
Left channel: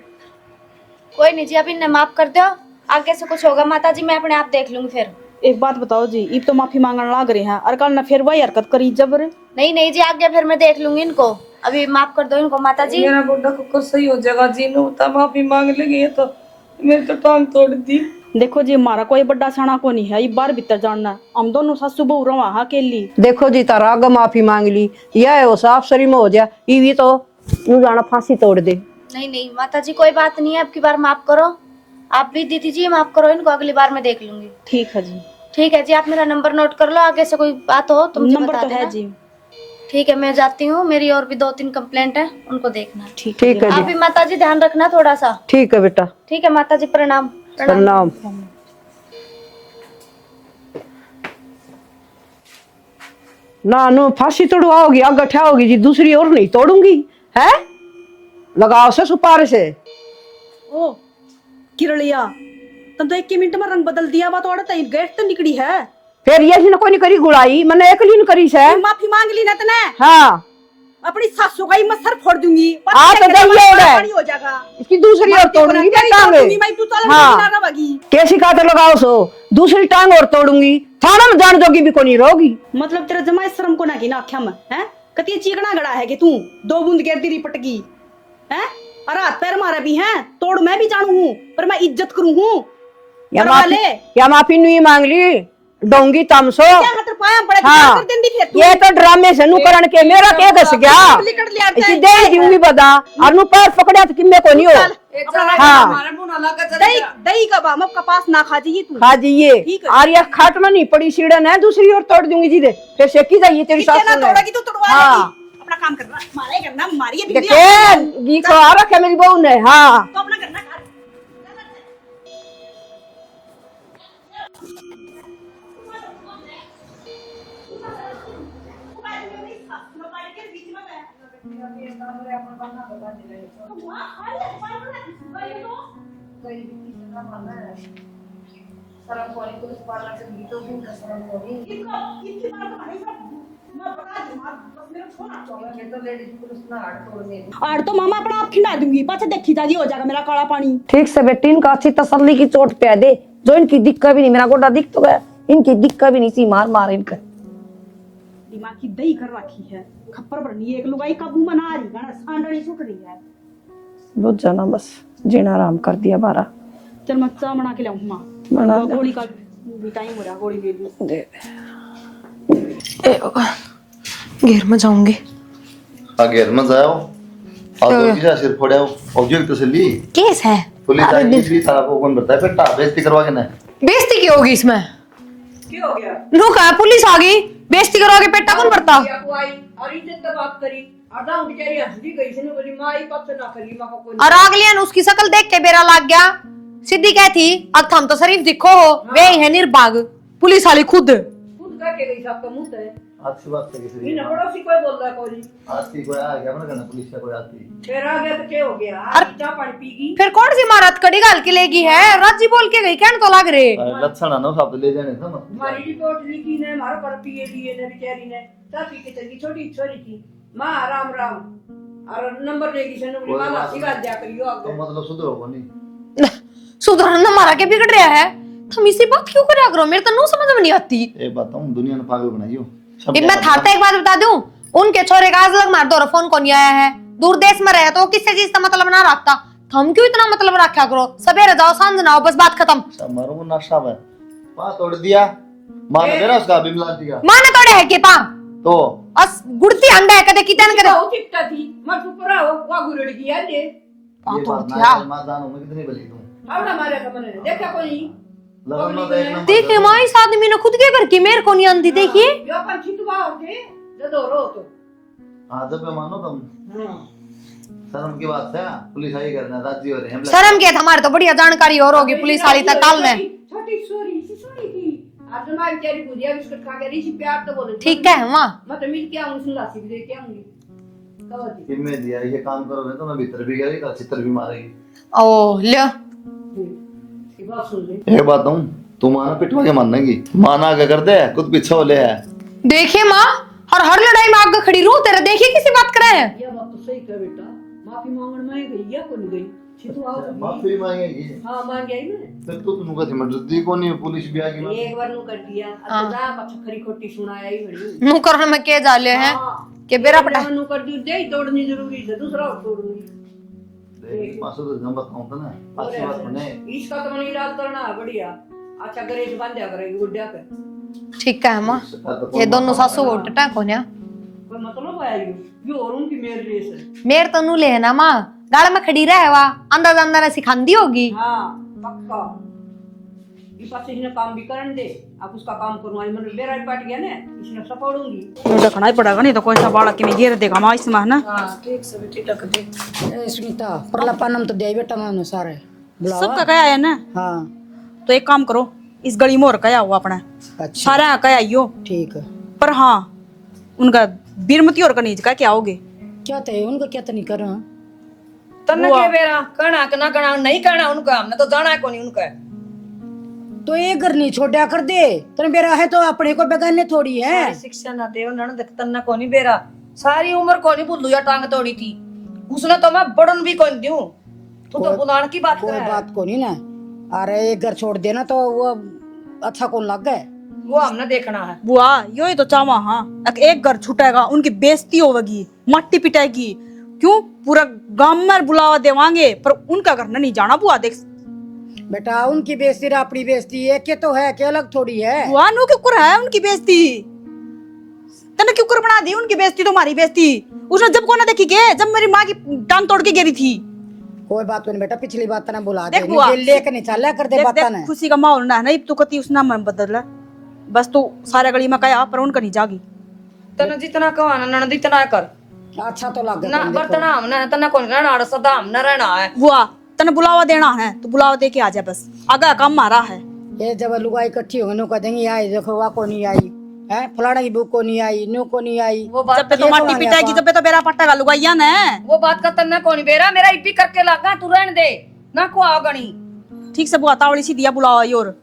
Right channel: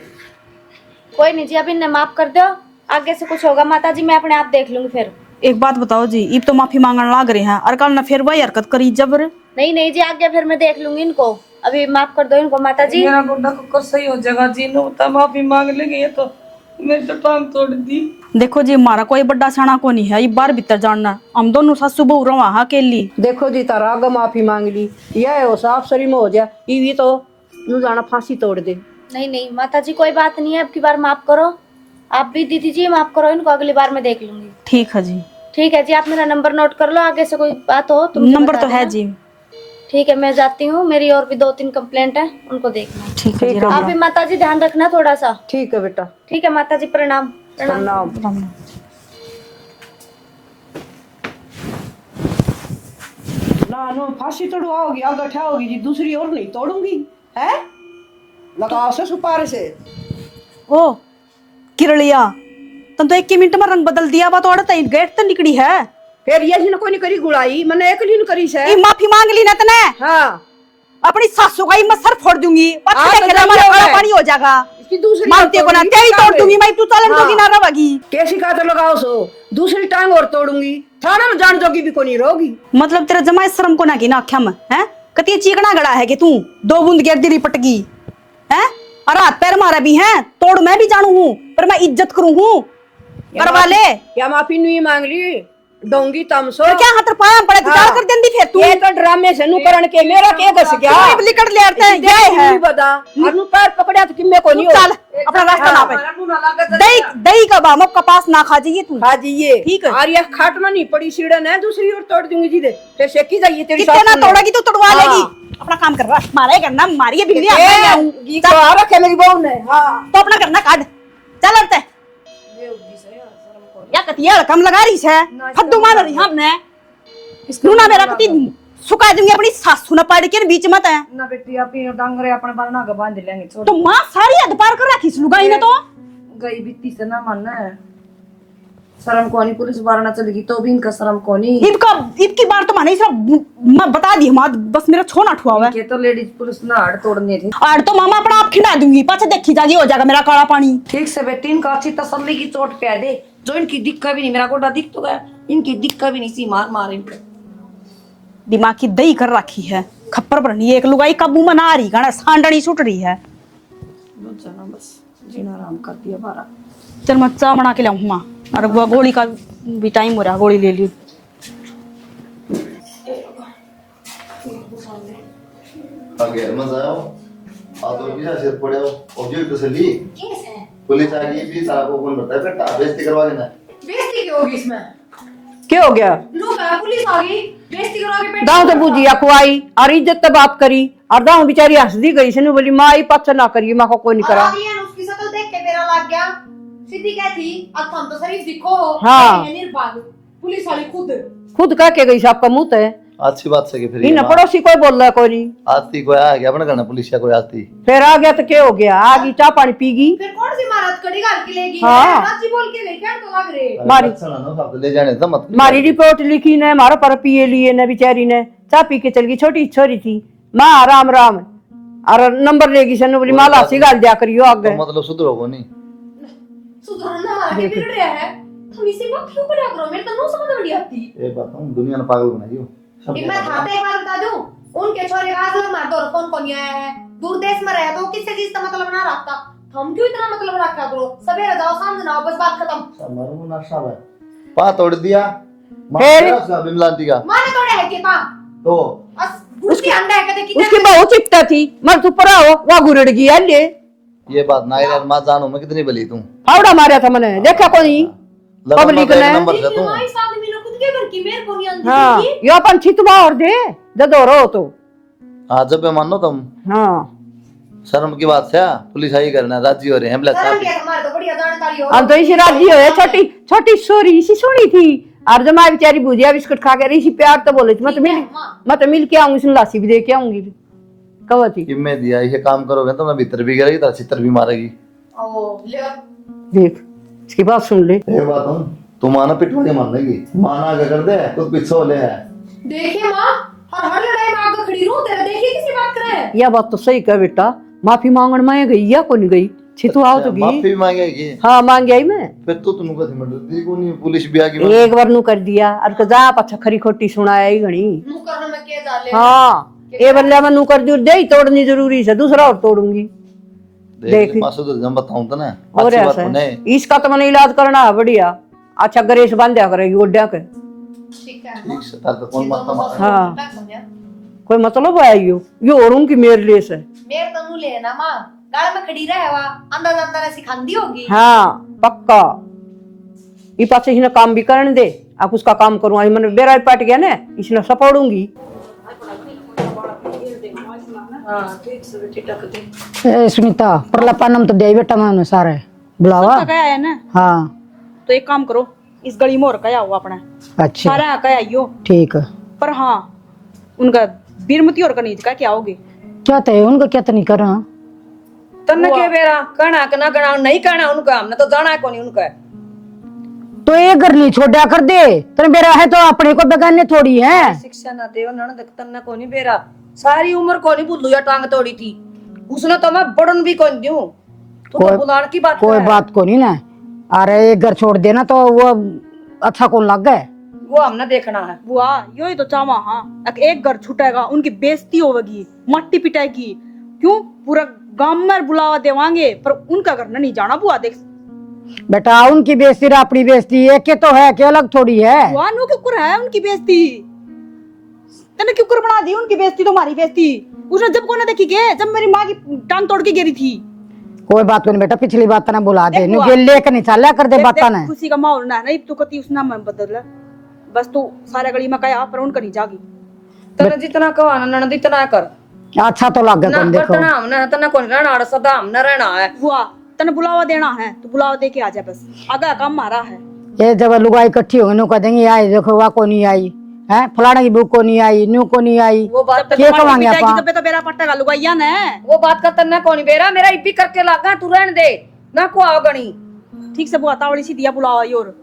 कोई नहीं जी, अभी ने माफ कर दो, आगे से कुछ होगा माता जी मैं अपने आप देख लूंगी फिर। एक बात बताओ जी इब तो माफी मांगने लाग रहे हैं और कल ना फिर वही हरकत करी जबर। नहीं नहीं जी, आगे फिर मैं देख लूंगी इनको, अभी माफ कर दो इनको माता जी। मेरा गुड्डा को सही हो जाएगा जी, नो तब माफी मांग लेगी ये तो मेरी तो टांग तोड़ दी। देखो जी हमारा कोई बड़ा सना को नहीं है, ये बार भीतर जानना हम दोनों सासू बहू रहो वहाँ के लिए। देखो जी तारा आगे माफी मांग ली यह है वो साफ सरी में हो जा ये भी तो नू जाना फांसी तोड़ दे। नहीं नहीं माता जी कोई बात नहीं है, अब की बार माफ करो। आप भी दीदी जी माफ करो इनको, अगली बार मैं देख लूंगी। ठीक है जी। ठीक है जी, आप मेरा नंबर नोट कर लो, आगे से कोई बात हो तो मुझे नंबर बता तो है देना। जी। ठीक है मैं जाती हूँ, मेरी और भी 2-3 कंप्लेंट है उनको देखना। ठीक है ठीक आप है भी माता जी ध्यान रखना थोड़ा सा। ठीक है बेटा ठीक है माता जी, प्रणाम। प्रणाम। ना नो फांसी तोड़वाओगी आगे ठहाओगी जी दूसरी और नहीं तोड़ूंगी है लगाओ से सुपारे से। ओ किरलिया तुम तो 1 मिनट में रंग बदल दिया बात और तई गेट तो निकली है। फिर ये न कोई नहीं करी गुड़ाई मैंने एक लीन करी से। ये माफी मांग ली ना तने हाँ अपनी सासू का ही मैं सर फोड़ दूंगी। हाँ, तो पानी हो जाएगा इसकी दूसरी मैं और तेरे को ना तोड़ूंगी, तेरी क्या तोड़ करे? दूंगी मैं, तू चलन हाँ। की ना रहोगी। कैसी खातर लगाओ सो दूसरी टांग और तोड़ूंगी थाना में जान जोगी भी को नहीं रहोगी। मतलब तेरा जमाई शर्म को ना की ना आख्या में हैं कती चीकना गड़ा है कि तू 2 बूंद गिर दी पटकी हैं और हाथ पैर मारा भी हैं तोड़ मैं भी जानू हूँ पर मैं इज्जत करूँ हूँ करवा ले। या माफी नहीं मांग ली डोंगी तमसो क्या हाथ पाया पड़ा हाँ। कर देंदी फिर तू ये तो ड्रामे से अनुकरण के मेरा के घस गया लिकड़ ले आते इसी दे जिम्मी बदा अनु पैर पकड़े तो किन्ने को नहीं हो। अपना हाँ। दही दही का बाम कपास ना खा जाइए तू। हाँ जी ये ठीक है। और ये खाट में नहीं पड़ी सीढ़न है दूसरी ओर तोड़ दूंगी जी दे फिर सेकी जाइए तेरी कितने ना सासू ने। तोड़ेगी तो तोड़वा हाँ। लेगी अपना काम कर रहा मारे करना मारिए बिल्ली गीत आ रखे मेरी बहू ने। हाँ तो अपना करना काट चल अंते या कतिया कम लगा रही है फद्दू मार रही हमने नूना मेरा कति सुका दूंगी अपनी सासू ना पाड़ के बीच मत है ना बेटी अभी डांगरे अपने बरना के बांध लेंगे छोड़ तो मां सारी हद पार कर रखी लुगाई ने तो गई बीती से ना मानना है शर्म कोनी पुलिस बारना चलेगी तो भी इनका शर्म कोनी इनकी बार तो माने सब मैं बता दी मां बस मेरा छोना ठुआ हुआ है ये तो लेडीज पुलिस ना हाड़ तोड़ने थी और तो मामा अपना आप खिला दूंगी पाछे देखी जागी हो जाएगा मेरा काला पानी। ठीक से बेटी इनको अच्छी तसल्ली की चोट पे दे, जो इनकी दिक्कत भी नहीं, मेरा गोडा दिख तो गया, इनकी दिक्कत भी नहीं सी मार मार इनका दिमाग की दही कर रखी है खप्पर पर नहीं एक लुगाई काबू में ना आ रही गाना सांडनी छूट रही है। बुझ जाना बस जीना आराम कर दिया बारा। चल मैं चाय बना के लाऊं मां और वो गोली का भी टाइम हो रहा गोली ले ली। घेर में जाऊंगी आगे मत जाओ और तो किसा सिर फोड़ाओ ऑब्जेक्ट तो सली केस है पुलिस आई भी तारा को कौन बताए बेटा बेइज्जती करवा के ना बेइज्जती क्यों होगी इसमें क्या हो गया रुका पुलिस आ गई बेइज्जती करो आगे पेट दाऊ तो बुझिया खुआई और इज्जत तब आप करी और दाऊ बेचारी हंस दी गई सनु बोली माँ ही पत्थर ना करिए माँ को कोई नहीं और करा। अगलियन उसकी शक्ल देख के बेरा लग गया सीधी क्या थी अब हम तो शरीफ दिखो हो हाँ। यही है निर्भाग पुलिस वाली खुद खुद कह के गई साहब का मुंह है अच्छी बात से फिर इन पड़ोसी कोई बोल रहा कोई नहीं, आती कोई आ गया अपने घर पुलिस या कोई आती फिर आ गया तो क्या हो गया, आ गई चाय पानी पीगी। फिर कौन सी महारात कड़ी गाल के लेगी है? हाँ। राजी बोल के गई, कहने तो लग रहे। लक्षण ना सब ले जाने तो मत हमारी रिपोर्ट लिखी ने, हमारा पर पिए लिए ने बेचारी ने, चाय पी के चल गई, छोटी छोरी थी। माँ राम राम और नंबर लेगी सनु बोली माला सी गाल दिया करियो आगे। मतलब सुधरोगो नहीं, सुधरना मारा के बिगड़ रहा है, तुम इसी बात क्यों करा करो? मेरे तो नो समझ में नहीं आती। एक बात हम दुनिया ने पागल बनाई हो। मैं थारते एक बात बता दूं, उनके छोरे का आज लग मार दो फोन को नहीं आया है, दूर देश में रहा तो किससे चीज का मतलब ना रखता, हम क्यों इतना मतलब रखा करो? सवेरे जाओ सांझ ना आओ, बस बात खत्म। मारो वो नशा है, पा तोड़ दिया मार दिया उसका बिमलांती का माने तोड़े है के पा तो अस गुड़ती अंडा है कदे कितने उसकी बहुत चिपटा थी, मर तू परा हो वह गुरड़ गया ले। ये बात ना यार, मां जानू मैं कितनी बली तू आवड़ा मारा था मैंने, देखा कोई पब्लिक ने देखिए मां इस आदमी ने खुद के घर की मेरे को नहीं आंदी देखिए। यो अपन छितवा और दे जदो रो तो हां जब मानो तुम हां शर्म की बात है, पुलिस आई करना राजी हो रहे हैं। शर्म के हमारे तो बढ़िया जानकारी और अब गई राजी है, छोटी छोटी सोरी सी सोनी थी और जमा बेचारी भुजिया बिस्कुट खा के रही सी, प्यार तो बोले थी मैं तो मिल के आऊंगी, सुन लासी भी दे के आऊंगी। कब थी कि मैं दिया ये काम करोगे तो मैं भीतर भी गिरेगी तो चित्र भी मारेगी। ओ ले देख इसकी बात सुन ले। एक बात हूं, तू माना पिटवा के मानेगी, माना आगे कर दे खुद पीछे हो ले है। देखिए माँ और हर लड़ाई में आगे खड़ी रहूं, तेरा देखिए किसी बात करे है। यह बात तो सही कह बेटा, माफी मांगण में गई या को नहीं गई, छितु आओ तो गई माफी मांगेगी। हां मांग गई मैं, फिर तो तुम कथी में डरती को नहीं, पुलिस भी आ गई एक बार नु कर दिया अब तो जा पछा खरी खोटी सुनाया ही घणी नु करने में के जाले है हां कि ये बंदा में नु कर दियो दे ही तोड़नी जरूरी है, दूसरा और तोड़ूंगी। देख मासू तो जब बताऊं तो ना और अच्छी बात ऐसा नहीं इसका तो मैंने इलाज करना है बढ़िया, अच्छा गरेश बांधा करेगी गोड्या के। ठीक है माँ, ये दोनों सासू टटा कोन्या कोई मतलब है यो और उनकी मेरे लिए से मेर तनु ले ना माँ, गाड़ में खड़ी रहे वा अंदाज अंदाज सिखांदी होगी। हाँ पक्का ये पास इसने काम भी करने दे, आप उसका काम करूँ आज मैंने बेरा पाट गया ना इसने सपोर्टूंगी। देखना ही पड़ेगा, नहीं तो कोई सा बालक के में गिर देगा माँ इसमें है ना। ए सुनीता प्रलापनम तो दे बेटा मैं सारे बुलावा सबका कया है ना। हाँ तो एक काम करो, इस गली मोर कया हुआ अपना अच्छा सारा कया यो ठीक है। पर हाँ उनका बीरमती और कनीज का क्या होगे? क्या तय उनका क्या तो नहीं करना तन्ने के बेरा कहना कि ना कहना नहीं कहना उनका, हमने तो जाना है कौन उनका। तो ये घर नहीं छोड़ा कर दे, तेरे बेरा है तो अपने को बेगाने थोड़ी है। शिक्षा ना दे ना देख तन्ना कोनी बेरा सारी उम्र कोनी बुल्लू या टांग तोड़ी थी उसने तो मैं बड़न भी कौन दूं, तू तो बुलाने की बात कोई बात को नहीं ना। अरे एक घर छोड़ देना तो वो अच्छा कौन लग गए, वो हमने देखना है। बुआ यो ही तो चावा। हाँ एक घर छुटेगा उनकी बेइज्जती होगी, मट्टी पिटाएगी, क्यों पूरा गांव में बुलावा देवांगे पर उनका घर नहीं जाना। बुआ देख बेटा उनकी बेइज्जती अपनी बेइज्जती एक के तो है कि अलग थोड़ी है। बुआ नो क्यों कर है उनकी बेइज्जती, तने क्यों कर बना दी उनकी बेइज्जती तो हमारी बेइज्जती। उसने जब को ना देखी के जब मेरी माँ की टांग तोड़ के गिरी थी। कोई बात नहीं बेटा, पिछली बात ना बुला दे, ये लेकर नहीं चला कर दे बात ना। खुशी का माहौल ना नहीं तू कती उस नाम में बदल बस तू सारे गली में कया पर उनका नहीं जागी। तने जितना कहवाना ननद इतना कर, अच्छा तो लग गया देखो। बर्तना हमने तन्ना कोनी रहना सदा हमने रहना है। बुआ तने बुलावा देना है तो बुलावा दे के आ जा, बस आगा काम मारा है। ये जब लुगाई इकट्ठी होंगी नु कह देंगे आई देखो वह को नहीं आई है, फलाना की बुक को नहीं आई, न्यू को नहीं आई। वो बात तो माटी पिटाई की तो बेरा पट्टा का लुगाइया ने वो बात का तन्ना कोनी बेरा मेरा इपी करके लागा तू रहन दे ना को आओ गणी ठीक से बुआ तावड़ी सी दिया बुलावा योर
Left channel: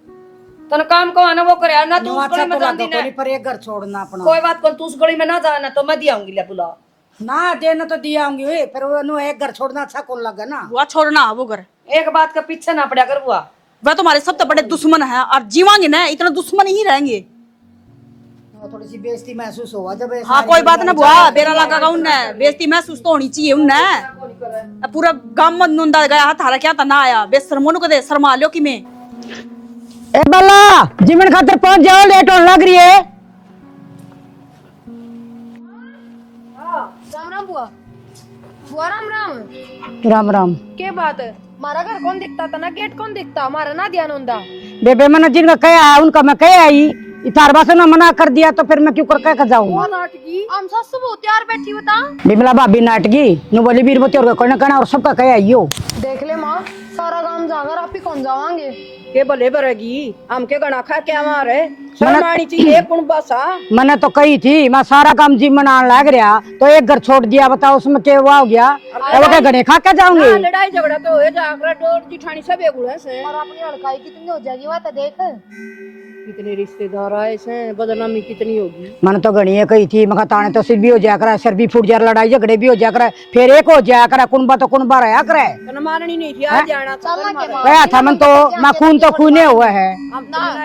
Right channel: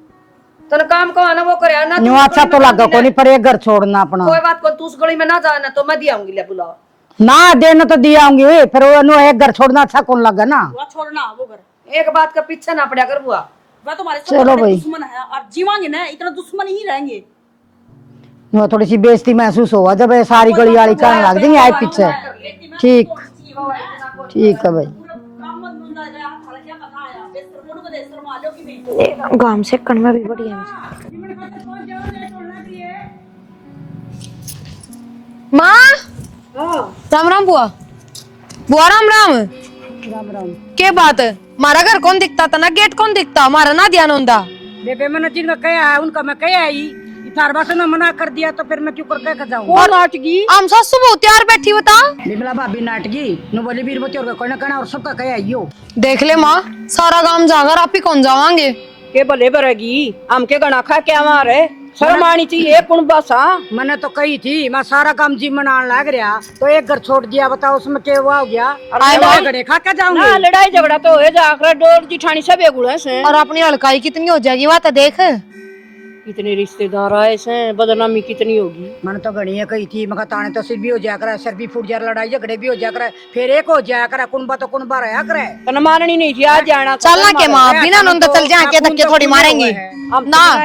तने काम को आना वो करे ना। न्यू अच्छा तो लगा कोनी पर एक घर छोड़ना अपना। कोई बात को तू उस गली में ना जाना तो मैं दियाऊंगी ले बुला ना देना तो दिया होंगे फिर वो नु एक घर छोड़ना अच्छा कौन लगा ना। बुआ छोड़ना वो घर एक बात का पीछे ना पड़ा कर बुआ, वह तुम्हारे सबसे बड़े दुश्मन है और जीवांगे ना इतना दुश्मन ही रहेंगे। वो थोड़ी सी बेइज्जती महसूस हुआ जब ये सारी गली वाली चाय लग गई आई पीछे। बेइज्जती महसूस होनी चाहिए उन्हें। ठीक है भाई पूरा गांव में नुंदा गया थारा क्या था ना आया बेशर्मों को दे शर्मा लो कि मैं गांव से कन में ए बल्ला जिमन खातर पहुंच जाओ, लेट होने लग रही है। माँ राम राम बुआ, बुआ राम राम। राम राम। के बात हमारा घर कौन दिखता था ना, गेट कौन दिखता हमारा ना ध्यान होता। बेबे मैंने जिनका कहा है उनका मैं कह आई, इतार बासों ने मना कर दिया तो फिर मैं क्यों कर कह जाऊंगा। हम सासू बहुत तैयार बैठी बता बिमला भाभी नाटकी नु बोली बीरबती और कोई ना कहना और सबका कह आई हो। देख ले माँ सारा गांव जाकर आप ही कौन जावांगे। के भले भरेगी हमके गणा खा क्या मारे शर्म आनी चाहिए कौन बासा। मैंने तो कही थी मैं सारा काम जिम बनाने लग रहा तो एक घर छोड़ दिया, बताओ उसमें क्या हुआ हो गया। घड़े खा के जाऊंगी। लड़ाई झगड़ा तो हो जाकर डोर जिठानी सब एक गुड़ा से। और अपनी हड़काई कितनी हो जाएगी वह तो देख। कितने रिश्तेदार आए से, बदनामी कितनी होगी। मैंने तो गणिये कही थी, मैं ताने तो सिर भी हो जाया करे, सर भी फूट जाए, लड़ाई झगड़े भी हो जाया करे, फिर एक हो जाया करे, कुनबा तो कुनबा रहा करे। तो मारनी नहीं थी आज जाना चलना के मां बिना नंद तक जा के धक्के थोड़ी मारेंगे ना।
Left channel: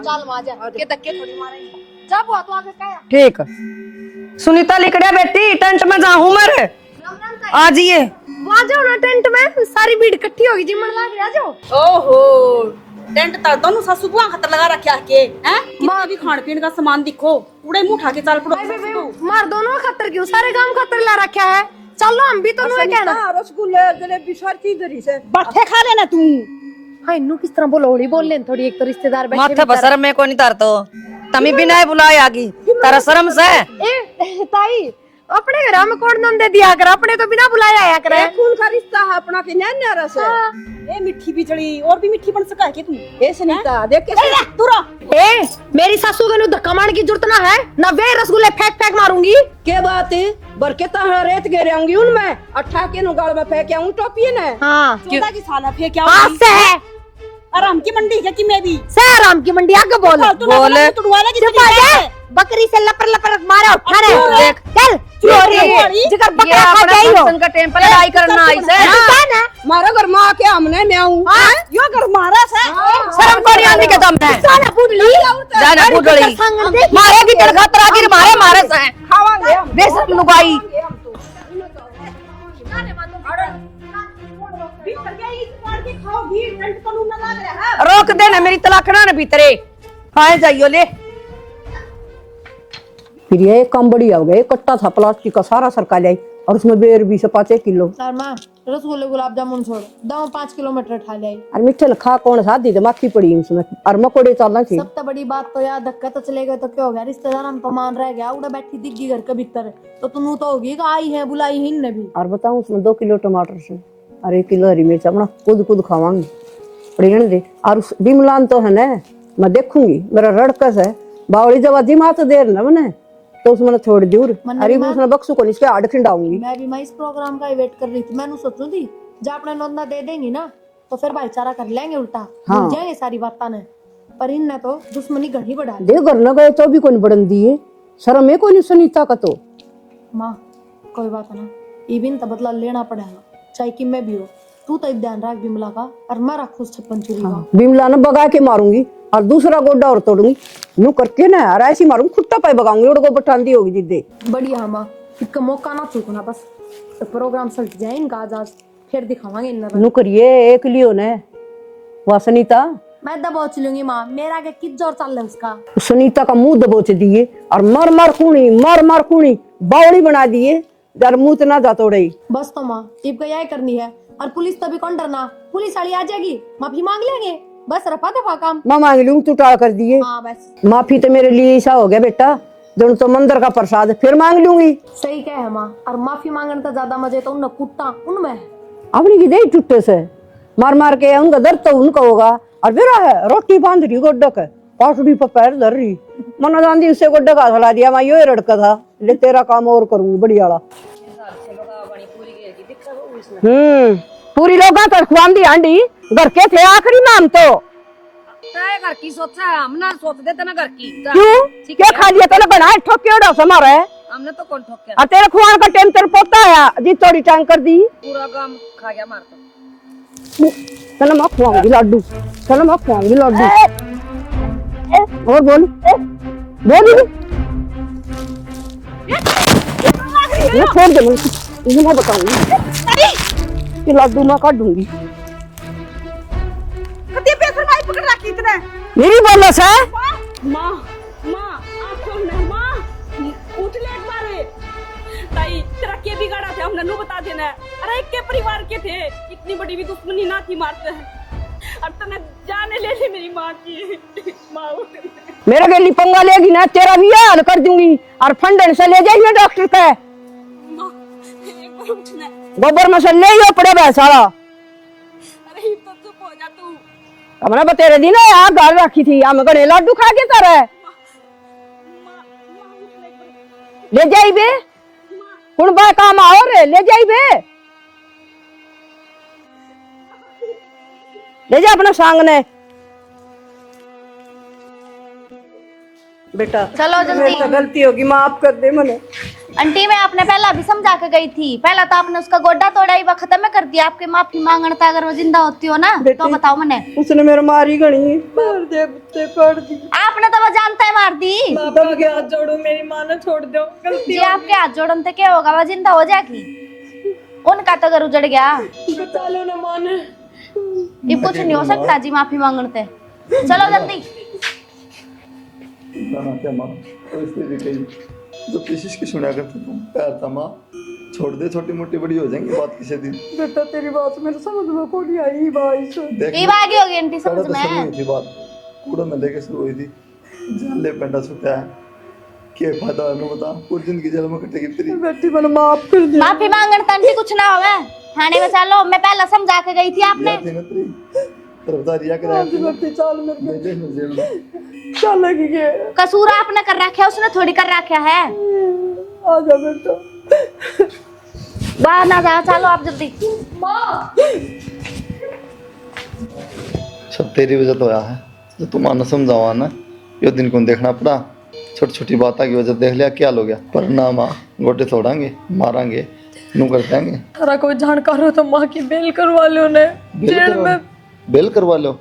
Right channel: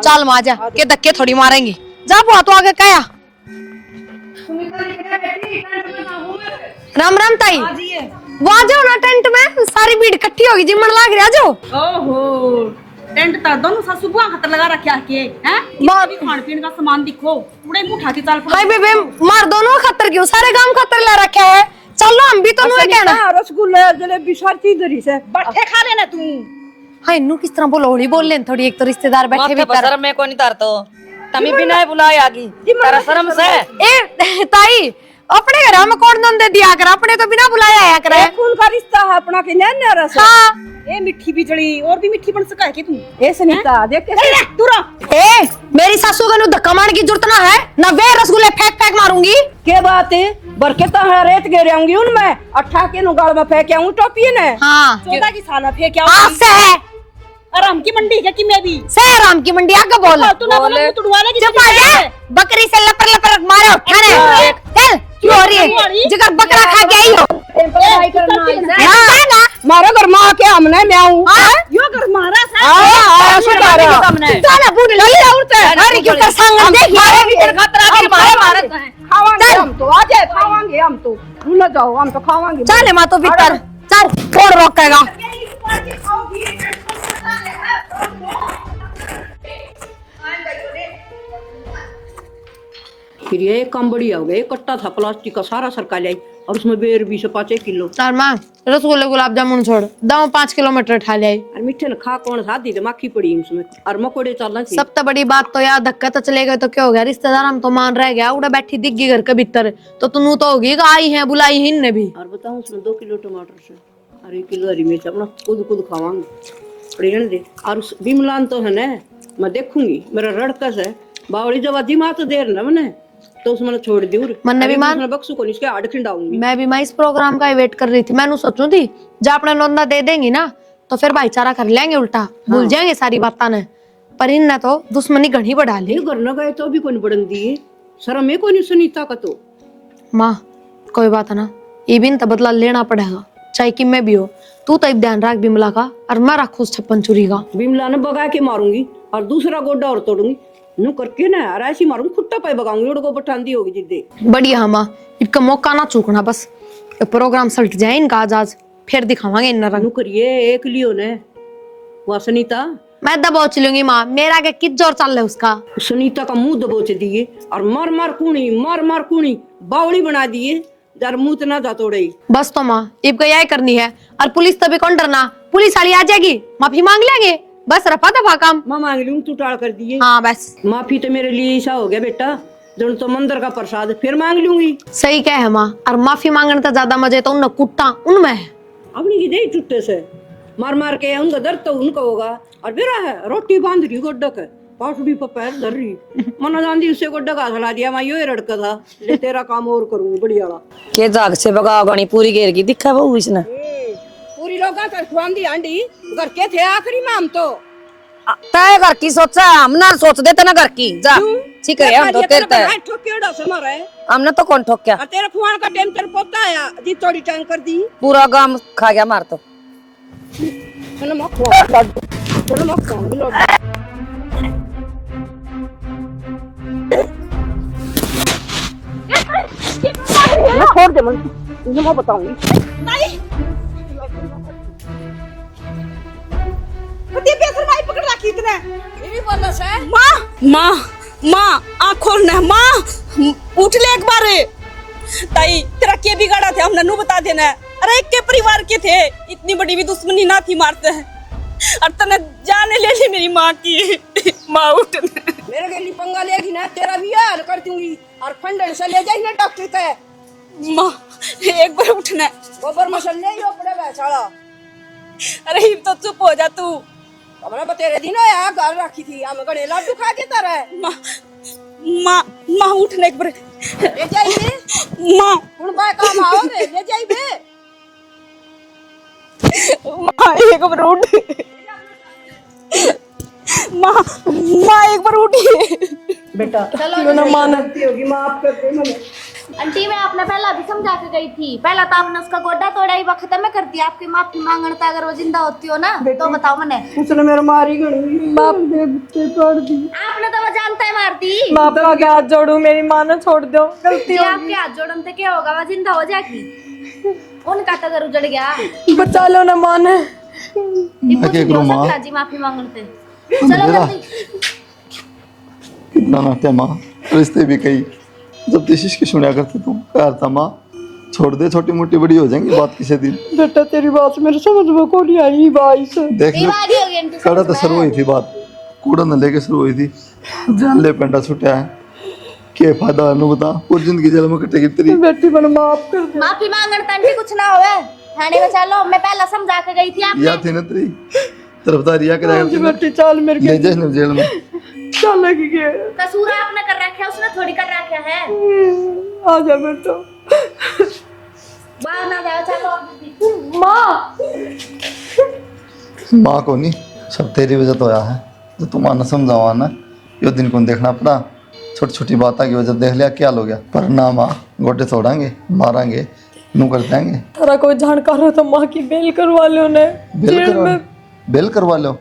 चल मां जा के धक्के थोड़ी मारेंगे। जा बुआ तो आगे कया। ठीक। सुनीता लिखड़िया बेटी टेंट में जाऊं मैं। राम राम ताई। आ जाइए। वहां जाओ ना टेंट में, सारी भीड़ इकट्ठी होगी जिमन लाग रहा जो। ओहो टेंट तर दोनों सासू बुआ खतर लगा रखा के हैं। किसी भी खान पीन का सामान दिखो उड़े मुंह उठा के चल पड़ो। हाय बेबे मार दोनों खतर क्यों, सारे गांव खतर ला रखा है। चलो हम भी तो नुए कहना। रसगुल्ले जलेबी सारी चीज धरी से पट्टे खा लेना तू। हाय नु किस तरह बोलो होली बोल लेन थोड़ी, एक तो रिश्तेदार बैठे भी तर। शर्म में को नहीं तारतो तमी बिना बुलाए आगी तेरा शर्म से। ए ताई अपने घर में कौन नंद दिया कर, अपने तो बिना बुलाया आया करे। खून का रिश्ता है अपना के नैन रस। हाँ ए मिठी बिजली और भी मिठी बन सका है कि तू। ए सुनीता देख कैसे दूर ए मेरी सासू का नु धक्का मारने की जरूरत ना है ना, वे रसगुल्ले फेंक फेंक मारूंगी। के बात है बरकत है रेत घेरे आऊंगी उनमें अट्ठा के नुगाल में फेंक आऊं टोपी ने। हाँ 14 की साल फेंक हाँ आऊंगी। से आराम की मंडी है कि मैं भी सहराम की मंडी आगे बोल। बोले चुप आ जा, बकरी से लपर लपर मारे उठाने चल चोरी जिगर बकरा खा गई हो। उनका टेम्पल लड़ाई करना आई से हाँ ना मारा घर मां के हमने मैं आऊं यो घर मारा से मारे के सामने साला बूढ़ ले उड़ते अरे कितना संग देख मारे भी तेरे खतरा के मारे मारे से खावांगे चल, हम बेइज्जती खावांगे हम तो न जाओ हम तो खावांगे। चल मां तो भीतर चल कौन रोकेगा। रोक देना मेरी तलाकना न भीतरे। हाँ जाइयो ले। फिर ये काम बढ़िया हो गया, कट्टा था प्लास्टिक का सारा सरका लाई और उसमें बेर भी से 5 किलो। चल मां रसगुल्ले गुलाब जामुन छोड़ दाव 5 किलोमीटर ठा ले। और मिठे खा कौन सादी तो माखी पड़ी उसमें और मकोड़े चलना थी। सब तो बड़ी बात तो यार धक्का तो चले गए तो क्या हो गया, रिश्तेदार हम तो मान रह गया उड़ा बैठी दिख गई घर के भीतर तो तू तो होगी आई है बुलाई ही ने भी। और बताऊं उसमें 2 किलो टमाटर से और 1 किलो हरी मिर्च अपना खुद खावांगे पड़ी रहने दे। और उस बिमलान तो है ना मैं देखूंगी मेरा रड़कस है बावड़ी जब अजी माँ तो देर ना मैंने तो उसमें छोड़ दी मन्ने भी मान बक्सू को इसके आड़ खिंडाऊंगी। मैं भी मैं इस प्रोग्राम का वेट कर रही थी, मैं सोचूं थी जब अपने नौंदा दे देंगी ना तो फिर भाईचारा कर लेंगे उल्टा भूल जाएंगे सारी बातें ने। पर इन तो दुश्मनी घड़ी बढ़ा ली। घर न गए तो भी कोई बढ़न दिए शर्म है कोई सुनीता का तो। माँ कोई बात है ना ये भी तो बदला लेना पड़ेगा चाहे कि मैं भी हो। तू तो ध्यान रख बिमला का और मैं रखू 56 चूरी का। बिमला ने बगा के मारूंगी और दूसरा गोड्डा और तोड़ूंगी नू करके ना यार ऐसी मारूंगी खुट्टा पाई बगाऊंगी और को बठांदी होगी जिद्दे। बढ़िया माँ इनका मौका ना चूकना बस प्रोग्राम सल्ट जाए इनका आज फिर दिखावांगे इन रंग। नू करिए एक लियो ने वह सुनीता मैं दबोच चलूंगी माँ मेरा के कित जोर चल रहा है उसका। सुनीता का मुंह दबोच दिए और मार मार खूनी बावड़ी बना दिए जर मुंह ना जा तोड़े। बस तो माँ इब यही करनी है और पुलिस तभी कौन डरना, पुलिस वाली आ जाएगी माफी मांग लेंगे बस रफा दफा काम। मैं मांग लूंगी तू टाल कर दिए। हाँ बस माफी तो मेरे लिए ऐसा हो गया बेटा जो तो मंदिर का प्रसाद फिर मांग लूंगी। सही क्या है माँ और माफी मांगने तो ज्यादा मजे तो उन कुट्टा उनमें है। अपनी की दे टुट्टे से मार के उनका दर्द तो उनका होगा और मेरा है रोटी बांध रही गोड्डक है पाटड़ी पर पैर धर रही मना जानी उससे गोड्डा का हला दिया मैं यो रड़का था ले तेरा काम और करूंगी बढ़िया वाला के जाग से बगा गणी पूरी घेर की दिखा बहु इसने। पूरी लोग तो खुआम दी हांडी घर के थे आखिरी नाम तो तय घर की सोचा हम ना सोच देते ना घर की जा ठीक है खा लिया तेरे बना ठोकेड़ा समारा है हमने तो कौन ठोक क्या और तेरे खुआन का टाइम तेरे पोता आया जी थोड़ी टांग कर दी पूरा गांव खा गया मार तो। चलो मैं खुआऊंगी लड्डू चलो मैं खुआऊंगी लड्डू और बोल मैं छोड़ दे मैं बताऊंगी कि लड्डू मैं काट दूंगी। पकड़ रखी इतना मेरी बोलो से माँ आँख खोलना माँ उठ ले एक बार ताई तेरा के बिगाड़ा थे हमने नु बता देना। अरे एक के परिवार के थे इतनी बड़ी भी दुश्मनी ना थी मारते हैं और तने जाने ले ली मेरी माँ की। माँ उठ मेरे के लिए पंगा लेगी ना तेरा भी हाल कर दूंगी और फंडन से ले जाएगी ना डॉक्टर का। माँ एक बार उठना गोबर में से ले ही पड़े सारा। अरे तो चुप हो जा तू हमने बतेरे दिन यार घर रखी थी हम गणे लड्डू खा के करे माँ माँ उठने एक बार ले जाई बे माँ हुन बा काम आओ रे ले जाई बे माँ एक बार उठ ले जा अपना संग ने माँ माँ एक बार उठी बेटा चलो जो ना माँ गलती होगी माफ कर दे मने। आंटी मैं आपने पहला भी समझा के गई थी, पहला तो आपने उसका गोड्डा तोड़ा ही वक्त खत्म कर दिया। आपके माफी मांगना था, अगर वो जिंदा होती हो ना तो बताओ मैंने। उसने मेरे मारी गणी मार दे पड़ दी। आपने तो वो जानता है मार दी। माँ बाप के हाथ जोड़ो, मेरी माँ ने छोड़ दो, गलती जी आपके हाथ जोड़न से क्या होगा, वो जिंदा हो जाएगी। उनका तो घर उजड़ गया। बचा लो ना माँ ने। ये कुछ नहीं हो सकता जी माफी मांगने से। चलो जल्दी। कितना नाट्य माँ, रिश्ते भी कई जब देशिश के सुना करते तुम प्यार था माँ, छोड़ दे, छोटी मोटी बड़ी हो जाएंगी बात किसी दिन। बेटा तेरी बात मेरे समझ में को नहीं आई भाई से। देख ये लो बात ही होगी आंटी कड़ा समझ तो शुरू में। हुई थी बात, कूड़ा न लेके शुरू हुई थी, जान ले पेंडा छुटा है, के फायदा नु बता, पूरी जिंदगी जेल में कटेगी तेरी। बेटी मैंने माफ कर दे। माफी मांगने से आंटी कुछ ना होवे। थाने में चलो, मैं पहले समझा के गई थी आपने। या थी ना तेरी तरफदारी या कराया जी बेटी चल मेरे ले जाए ना जेल में। चल लगी के कसूर आपने कर रखा है, उसने थोड़ी कर रखा है। आ जा बेटा। बाहर ना जाओ, चलो आप जल्दी। माँ माँ को नहीं, सब तेरी वजह तो आया है, जो तुम आना समझावा ना, यो दिन को देखना पड़ा, छोटी छोटी बातों की वजह देख लिया क्या हो गया। पर ना माँ, गोटे तोड़ांगे, मारांगे, नू कर देंगे। तेरा कोई जानकार हो तो माँ की बेल करवा लो ने। बेल करवा लो,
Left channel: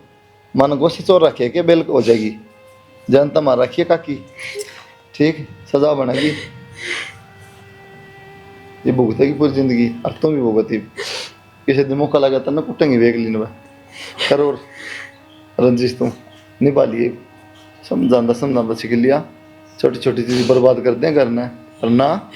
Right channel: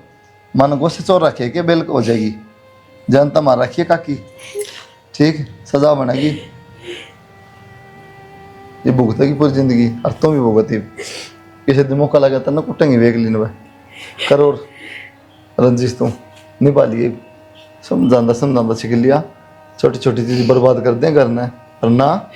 माँ ने गोश्त चोर रखे के बेल हो जाएगी, जनता मार रखिए काकी, ठीक सजा बनेगी, ये भुगतेगी पूरी जिंदगी, और तुम भी भुगती। किसी दिन मौका लगा था ना कुटेंगे वेग लीन में करोड़ रंजिश तुम निभा लिए, समझांदा सीख लिया, छोटी छोटी चीज बर्बाद कर दें करना है, और ना